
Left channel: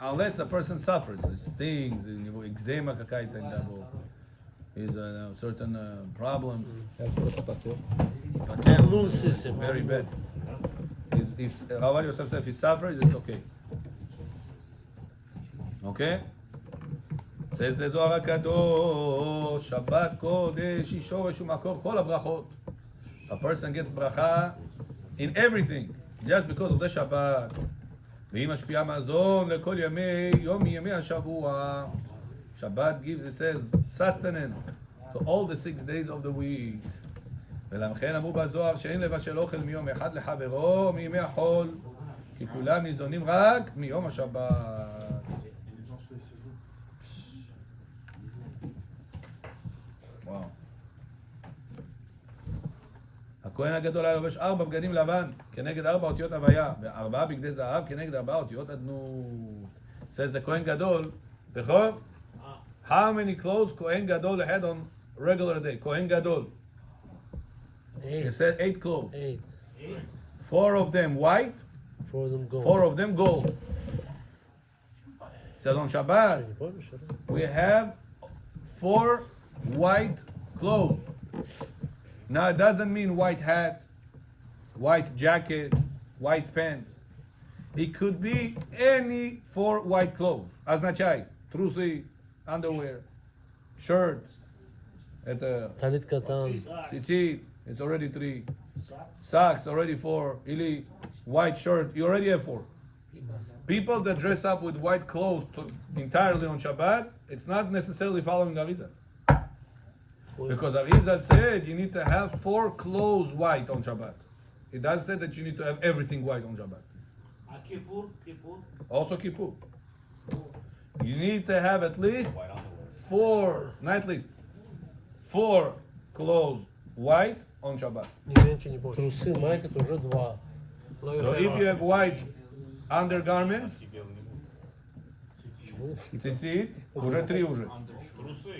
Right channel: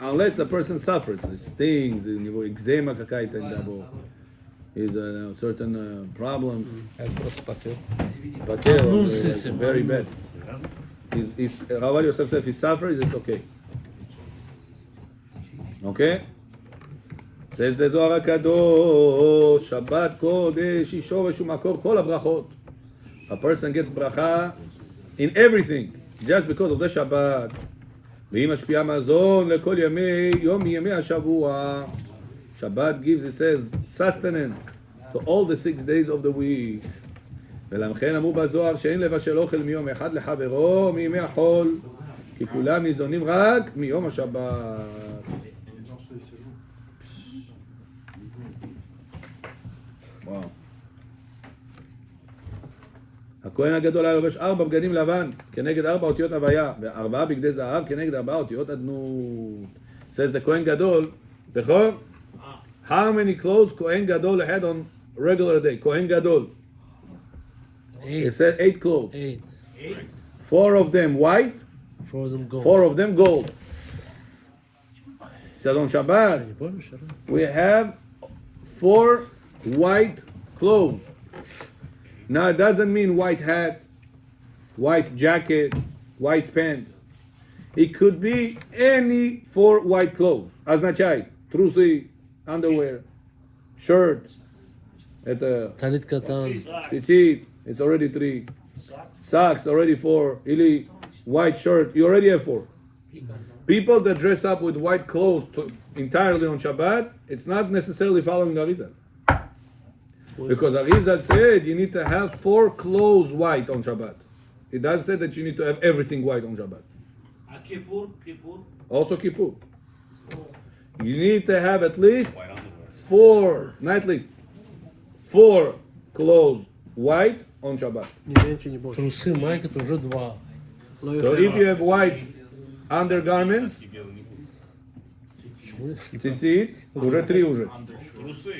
Unless a person suffers, it stings, у него экзема какая-то, is certain problems. Потел, like, very bad. Ovadia says if he suffers, it's okay. Okay? Says the Zohar HaKadosh, Shabbat Kodesh, Yishoresh Umakor, Kol HaBrachot. A person gets bracha in everything, just because of the Shabbat. והיא משפיעה מזון לכל ימי השבוע. Shabbat gives, it says, sustenance to all the 6 days of the week. ולכן אמרו בזוהר שאין לבשל אוכל מיום אחד לחברו מימי החול, כי כולם ניזונים רק מיום השבת. וואו. הכהן הגדול היה לובש 4 בגדים לבן כנגד 4 אותיות הוויה, ו4 בגדי זהב כנגד 4 אותיות אדנות. says the כהן גדול, נכון? How many clothes כהן גדול had on regular day? כהן גדול. It said 8 clothes. 8. 4 of them white, 4 of them gold. 4 of them gold. It says on Shabbat, we have 4 white clothes. Now it doesn't mean white hat, white jacket, white pants. It could be any 4 white clothes. Означает трусы, underwear, shirt, это Talit katan. tzitzit, it's already 3. Socks, already 4. Ili, white shirt, you already have 4. People that dress up with white clothes entirely on Shabbat, it's not necessarily following the Arizal. Because Arizal said you need to have 4 clothes white on Shabbat. It doesn't say that you need to have everything white on Shabbat. Kippur. Also Kippur. You need to have at least 4, not at least 4 clothes white on Shabbat. Ни меньше, ни больше. Трусы, майка, это уже 2. So if you have white undergarments, tzitzit, уже 3 уже.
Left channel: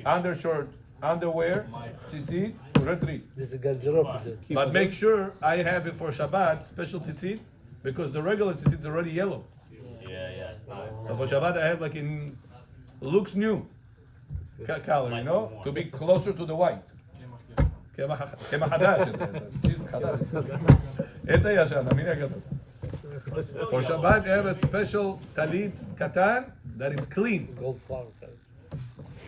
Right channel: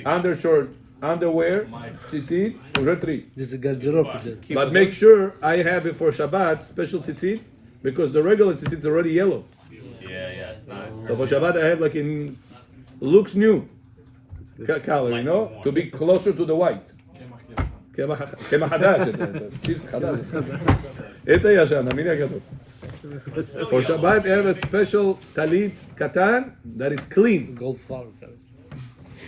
Undershirt, underwear, tzitzit, уже 3. Здесь гардероб идет. But make sure I have it for Shabbat, special tzitzit, because the regular tzitzit is already yellow. Yeah, it's not. So for Shabbat I have like in, looks new color, you know, to be closer to the white. כמה חדש, צ'יז חדש. Это ישן, המיני הגדול. For Shabbat, you have a special talit katan that it's clean. Gold flower.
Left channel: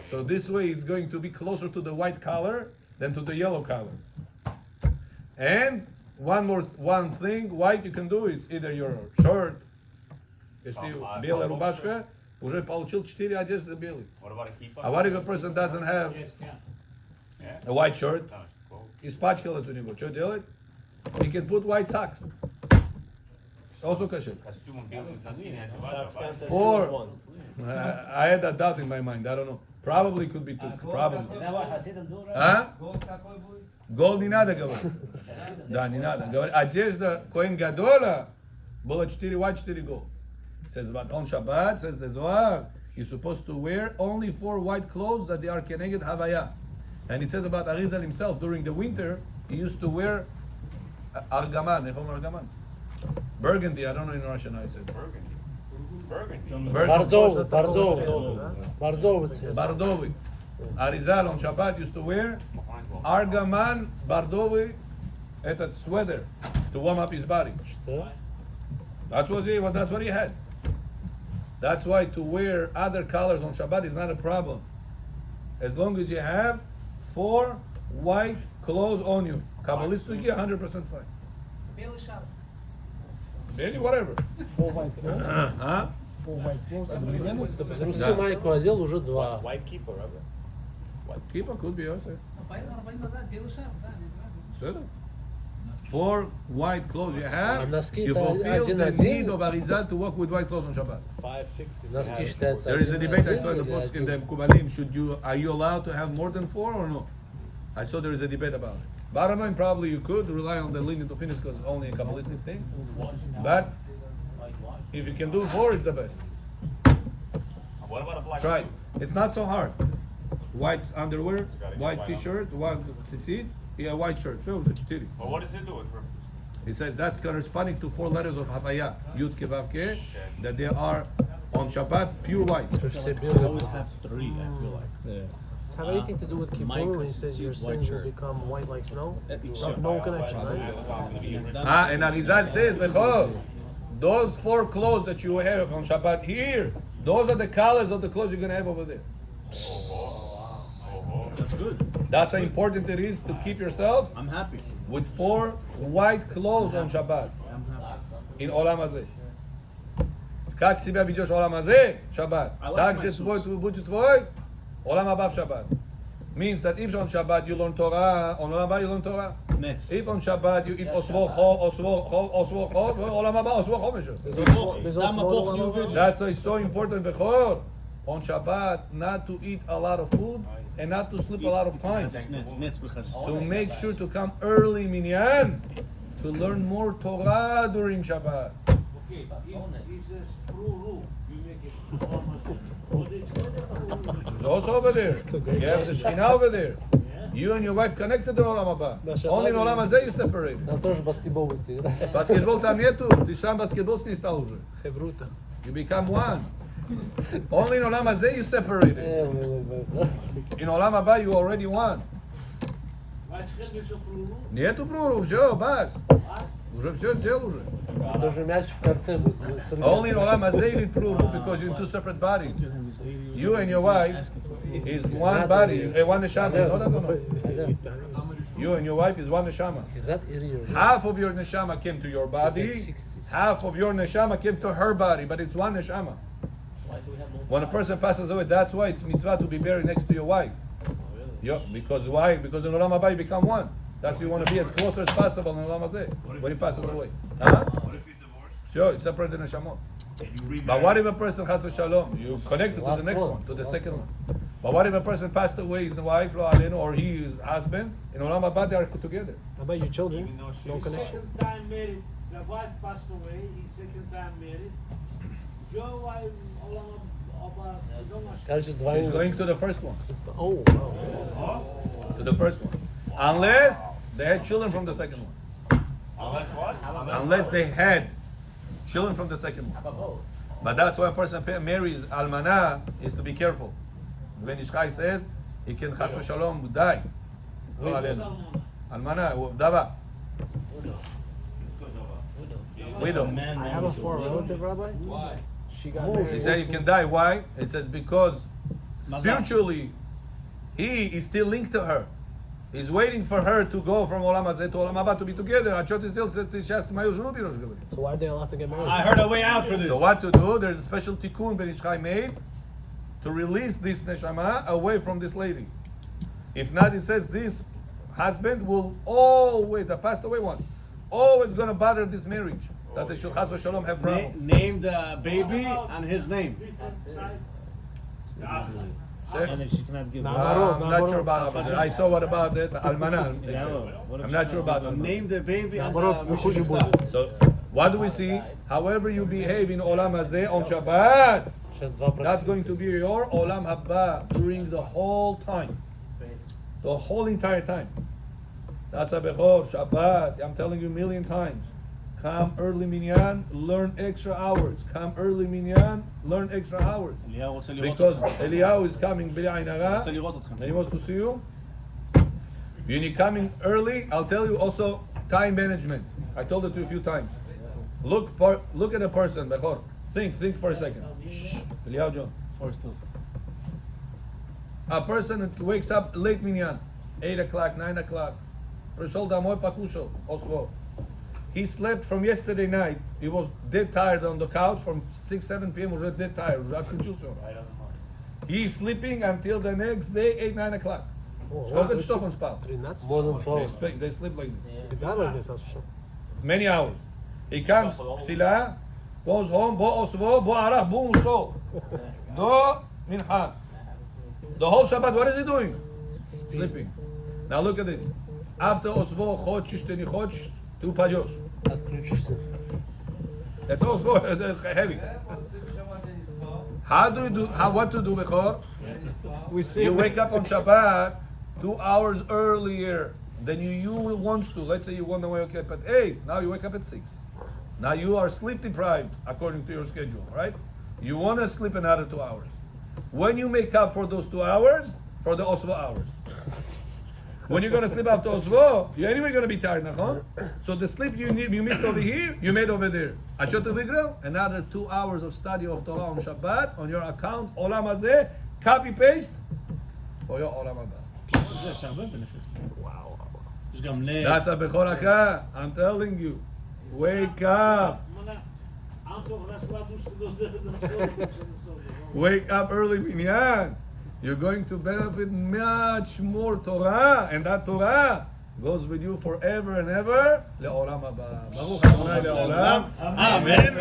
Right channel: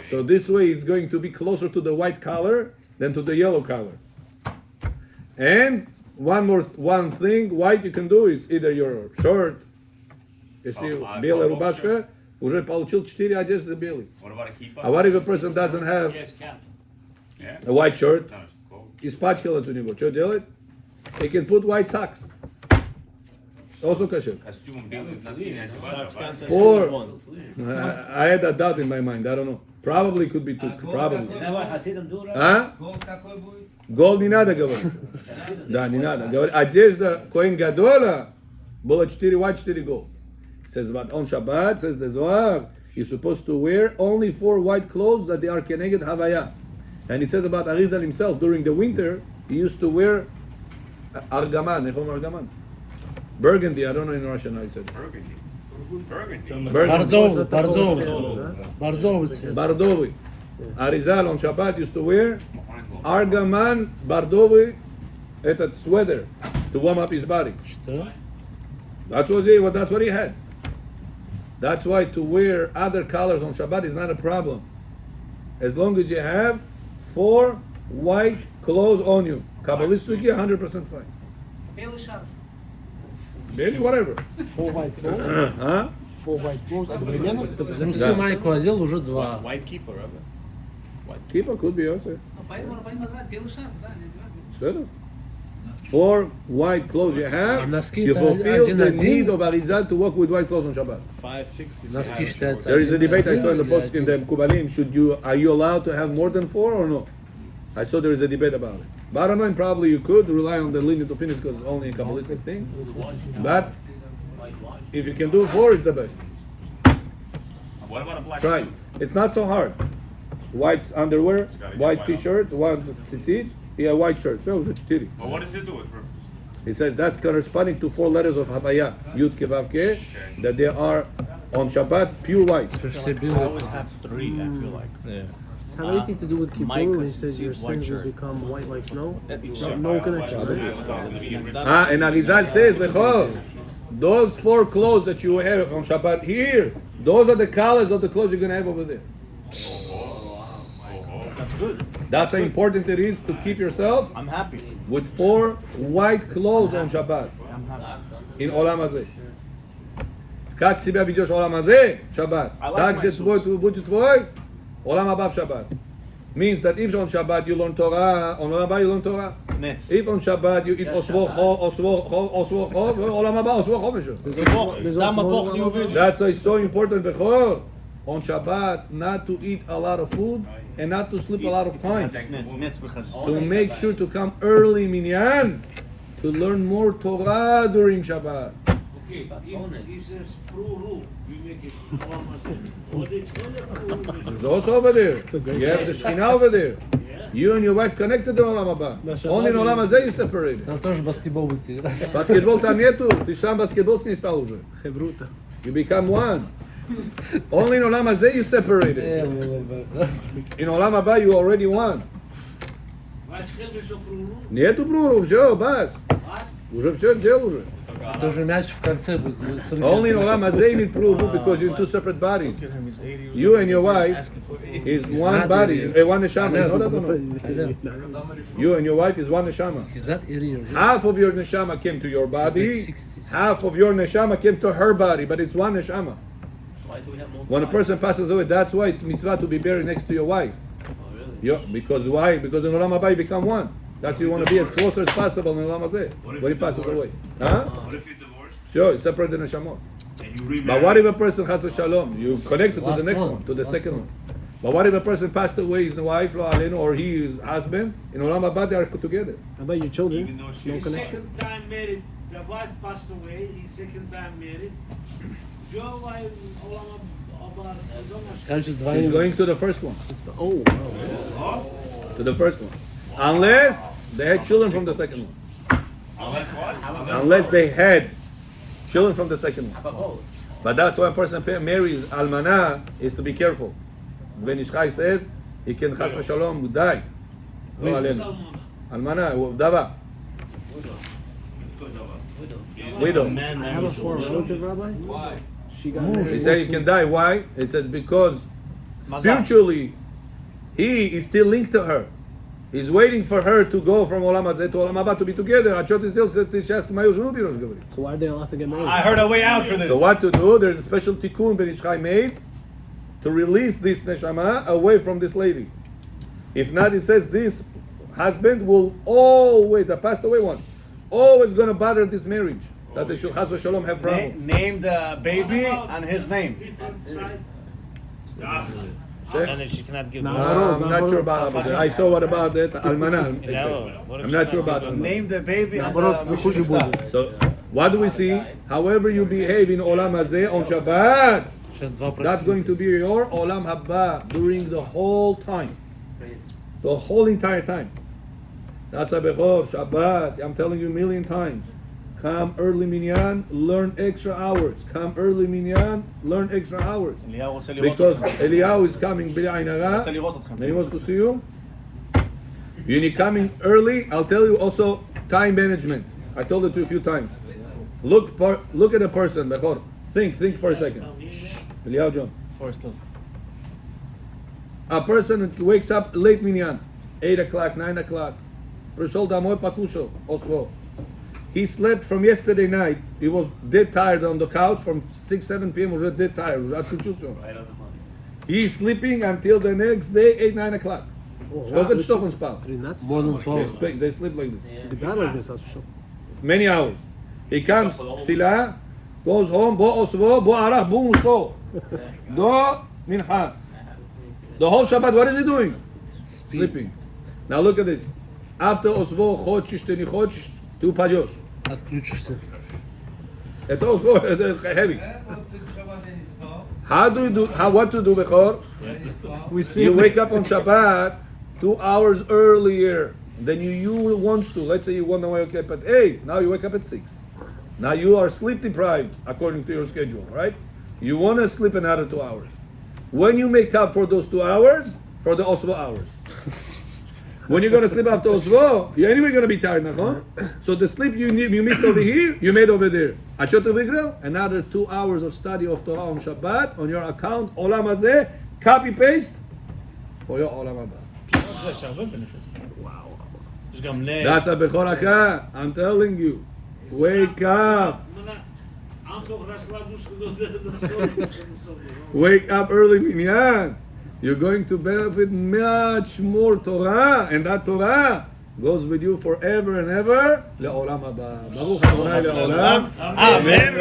So this way it's going to be closer to the white color than to the yellow color. And one thing, white you can do is either your shirt, если белая рубашка, уже получил 4 одежды белые. What about a kippah? А what if a person doesn't have a white shirt? Испачкалось у него. Что делать? He can put white socks. Also kosher. Костюм белый, носки не одевают. Four. I had that doubt in my mind. I don't know. Probably could be two. Probably. А? Gold не надо говорить. Да, не надо. Говорит, одежда Коэн Гадола было 4 white, 4 gold. It says, but on Shabbat, says the Zohar, you're supposed to wear only 4 white clothes that they are Keneged Havaya. And it says about Arizal himself, during the winter, he used to wear Argaman. איך אומר Argaman? Burgundy, I don't know in Russian how you said it. Burgundy. Бордовый цвет. Бордовый. Arizal on Shabbat used to wear Argaman бордовый, этот sweater, to warm up his body. Что? That's what he had. That's why to wear other colors on Shabbat is not a problem. As long as you have 4 white clothes on you. Kabbalistically, 100% fine. Belly, whatever. 4 white clothes. Huh? 4 white clothes. Современно? Трусы, майку одел, уже 2. White keeper, Rabbi. Keeper could be also. So, 4 white clothes you have, you fulfill the need of Arizal to walk with white clothes on Shabbat. 5, 6. Носки считаются. There is a debate I saw in the post in the Kubalim. Are you allowed to have more than 4 or no? I saw there is a debate about it. Bottom line, probably you could rely on the lenient opinions because it's only a Kabbalistic thing. But if you can do 4, it's the best. What about a black Try. suit? It's not so hard. White underwear, white t-shirt, white tzitzit, yeah, white shirt. So it's 4. But what does it do? He says that's corresponding to 4 letters of Havaya, Yud Ke Vav Ke, that they are on Shabbat pure white. Все белые. Does it have anything to do with Kippur when he says your sins will become white like snow? No connection. And Arizal says, Bechor, those 4 clothes that you have on Shabbat here, those are the colors of the clothes you're going to have over there. That's how important it is to keep yourself I'm happy. with 4 white clothes on Shabbat in Olam Hazeh. Как себя ведешь в Олам Hazeh, Shabbat, так же будет твой Olam Haba в Shabbat. Means that if on Shabbat you learn Torah, on Olam Haba you learn Torah. If on Shabbat you eat osvo cho, Olam Haba osvo cho. That's why it's so important, Bechor, on Shabbat not to eat a lot of food and not to sleep a lot of times. To make sure to come early minyan to learn more Torah during Shabbat. There's also over there. You have the Shekhinah over there. You and your wife connected in Olam Haba. Only in Olam Hazeh you separated. Там тоже баскетбол будете играть. Баскетбол там нету. Ты сам баскетбол с ней стал уже. You become one. Only in Olam Hazeh you separated. In Olam Haba you already won. Нету пруру, все, бас. Уже все сделал уже. Тоже мяч в конце будет. Only in Olam Hazeh you need pruru because you're in 2 separate bodies. You and your wife is one body, one neshama. You know that or no? You and your wife is one neshama. Is that area? Half of your neshama came to your body, half of your neshama came to her body, but it's one neshama. When a person passes away, that's why it's mitzvah to be buried next to your wife. Because why? Because in Olam Haba you become one. That's why you want to be as close as possible in Olam Hazeh when he passes away. Huh? What if you're divorced? Sure, it's separate the neshamot. And you remarry? But what if a person has a shalom? You connect it to the next one, to the second one. But what if a person passed away, his wife, or his husband, in Olam Haba they are together? How about your children? Even though No she's connection. Second time married. The wife passed away. He's second time married. Joe, She's going to the first one. Oh, wow. To the first one. Unless they had children from the second one. Unless what? Unless they had children from the second one. But that's why a person marries almana is to be careful. Ben Ish Chai says he can chas v'shalom die. Lo alenu. Almana, dava. Widow. I have a foreign relative, Rabbi. Why? She got married. He said he can die. Why? It says because spiritually he is still linked to her. He's waiting for her to go from Olam Hazeh to Olam Haba to be together. So why are they allowed to get married? I heard a way out for this. So what to do? There's a special tikkun Ben Ish Chai made to release this neshama away from this lady. If not, he says this husband will always, the passed away one, always gonna bother this marriage. That they should, Chas v'Shalom, have problems. Name the baby on his name. The opposite. Say- And then she cannot give I'm not sure about opposite. I saw what about it. Almana. It says. I'm not sure about almana. Name the baby on But the who's your boy? So, what do we see? However you behave in Olam Hazeh on Shabbat, that's going to be your Olam Haba during the whole time. The whole entire time. That's a Bechor, Shabbat. I'm telling you a million times. Come early minyan, learn extra hours. Come early minyan, learn extra hours. Because Eliyahu is coming, Bili Ain Hara, and he wants to see you. When you're coming early, I'll tell you also time management. I told it to you a few times. Look at the person, Bechor. Think for a second. Eliyahu John. A person wakes up late minyan, 8 o'clock, 9 o'clock. Prishol damoy pakusho, osvo. He slept from yesterday night. He was dead tired on the couch from 6, 7 p.m. Was dead tired. He's sleeping until the next day, 8, 9 o'clock. Сколько часов он спал? 13. More than 12. They sleep like this. You die like this, that's for sure. Many hours. He comes, tefillah, goes home, bo osvo, bo arach, bo musho. Do mincha. The whole Shabbat, what is he doing? Sleeping. Now look at this. After osvo, chodsh, teni chodsh, tu pajosh. Отключишься. Это osvo, heavy. How do you do? What to do, Bechor? We see You wake up on Shabbat 2 hours earlier than you want to. Let's say you want to wake up at 8. Now you wake up at 6. Now you are sleep deprived according to your schedule, right? You want to sleep another 2 hours. When you make up for those 2 hours, for the Osvo hours. When you're going to sleep after Osvo, you're anyway going to be tired, huh? So the sleep you missed over here, you made over there. Another 2 hours of study of Torah on Shabbat on your account, Olam Hazeh, copy paste for your Olam Haba. That's a Bechor Acha. I'm telling you. Wake up. Wake up early minyan. You're going to benefit much more Torah, and that Torah goes with you forever and ever. Le'olam haba. Baruch Adonai le'olam. Amen.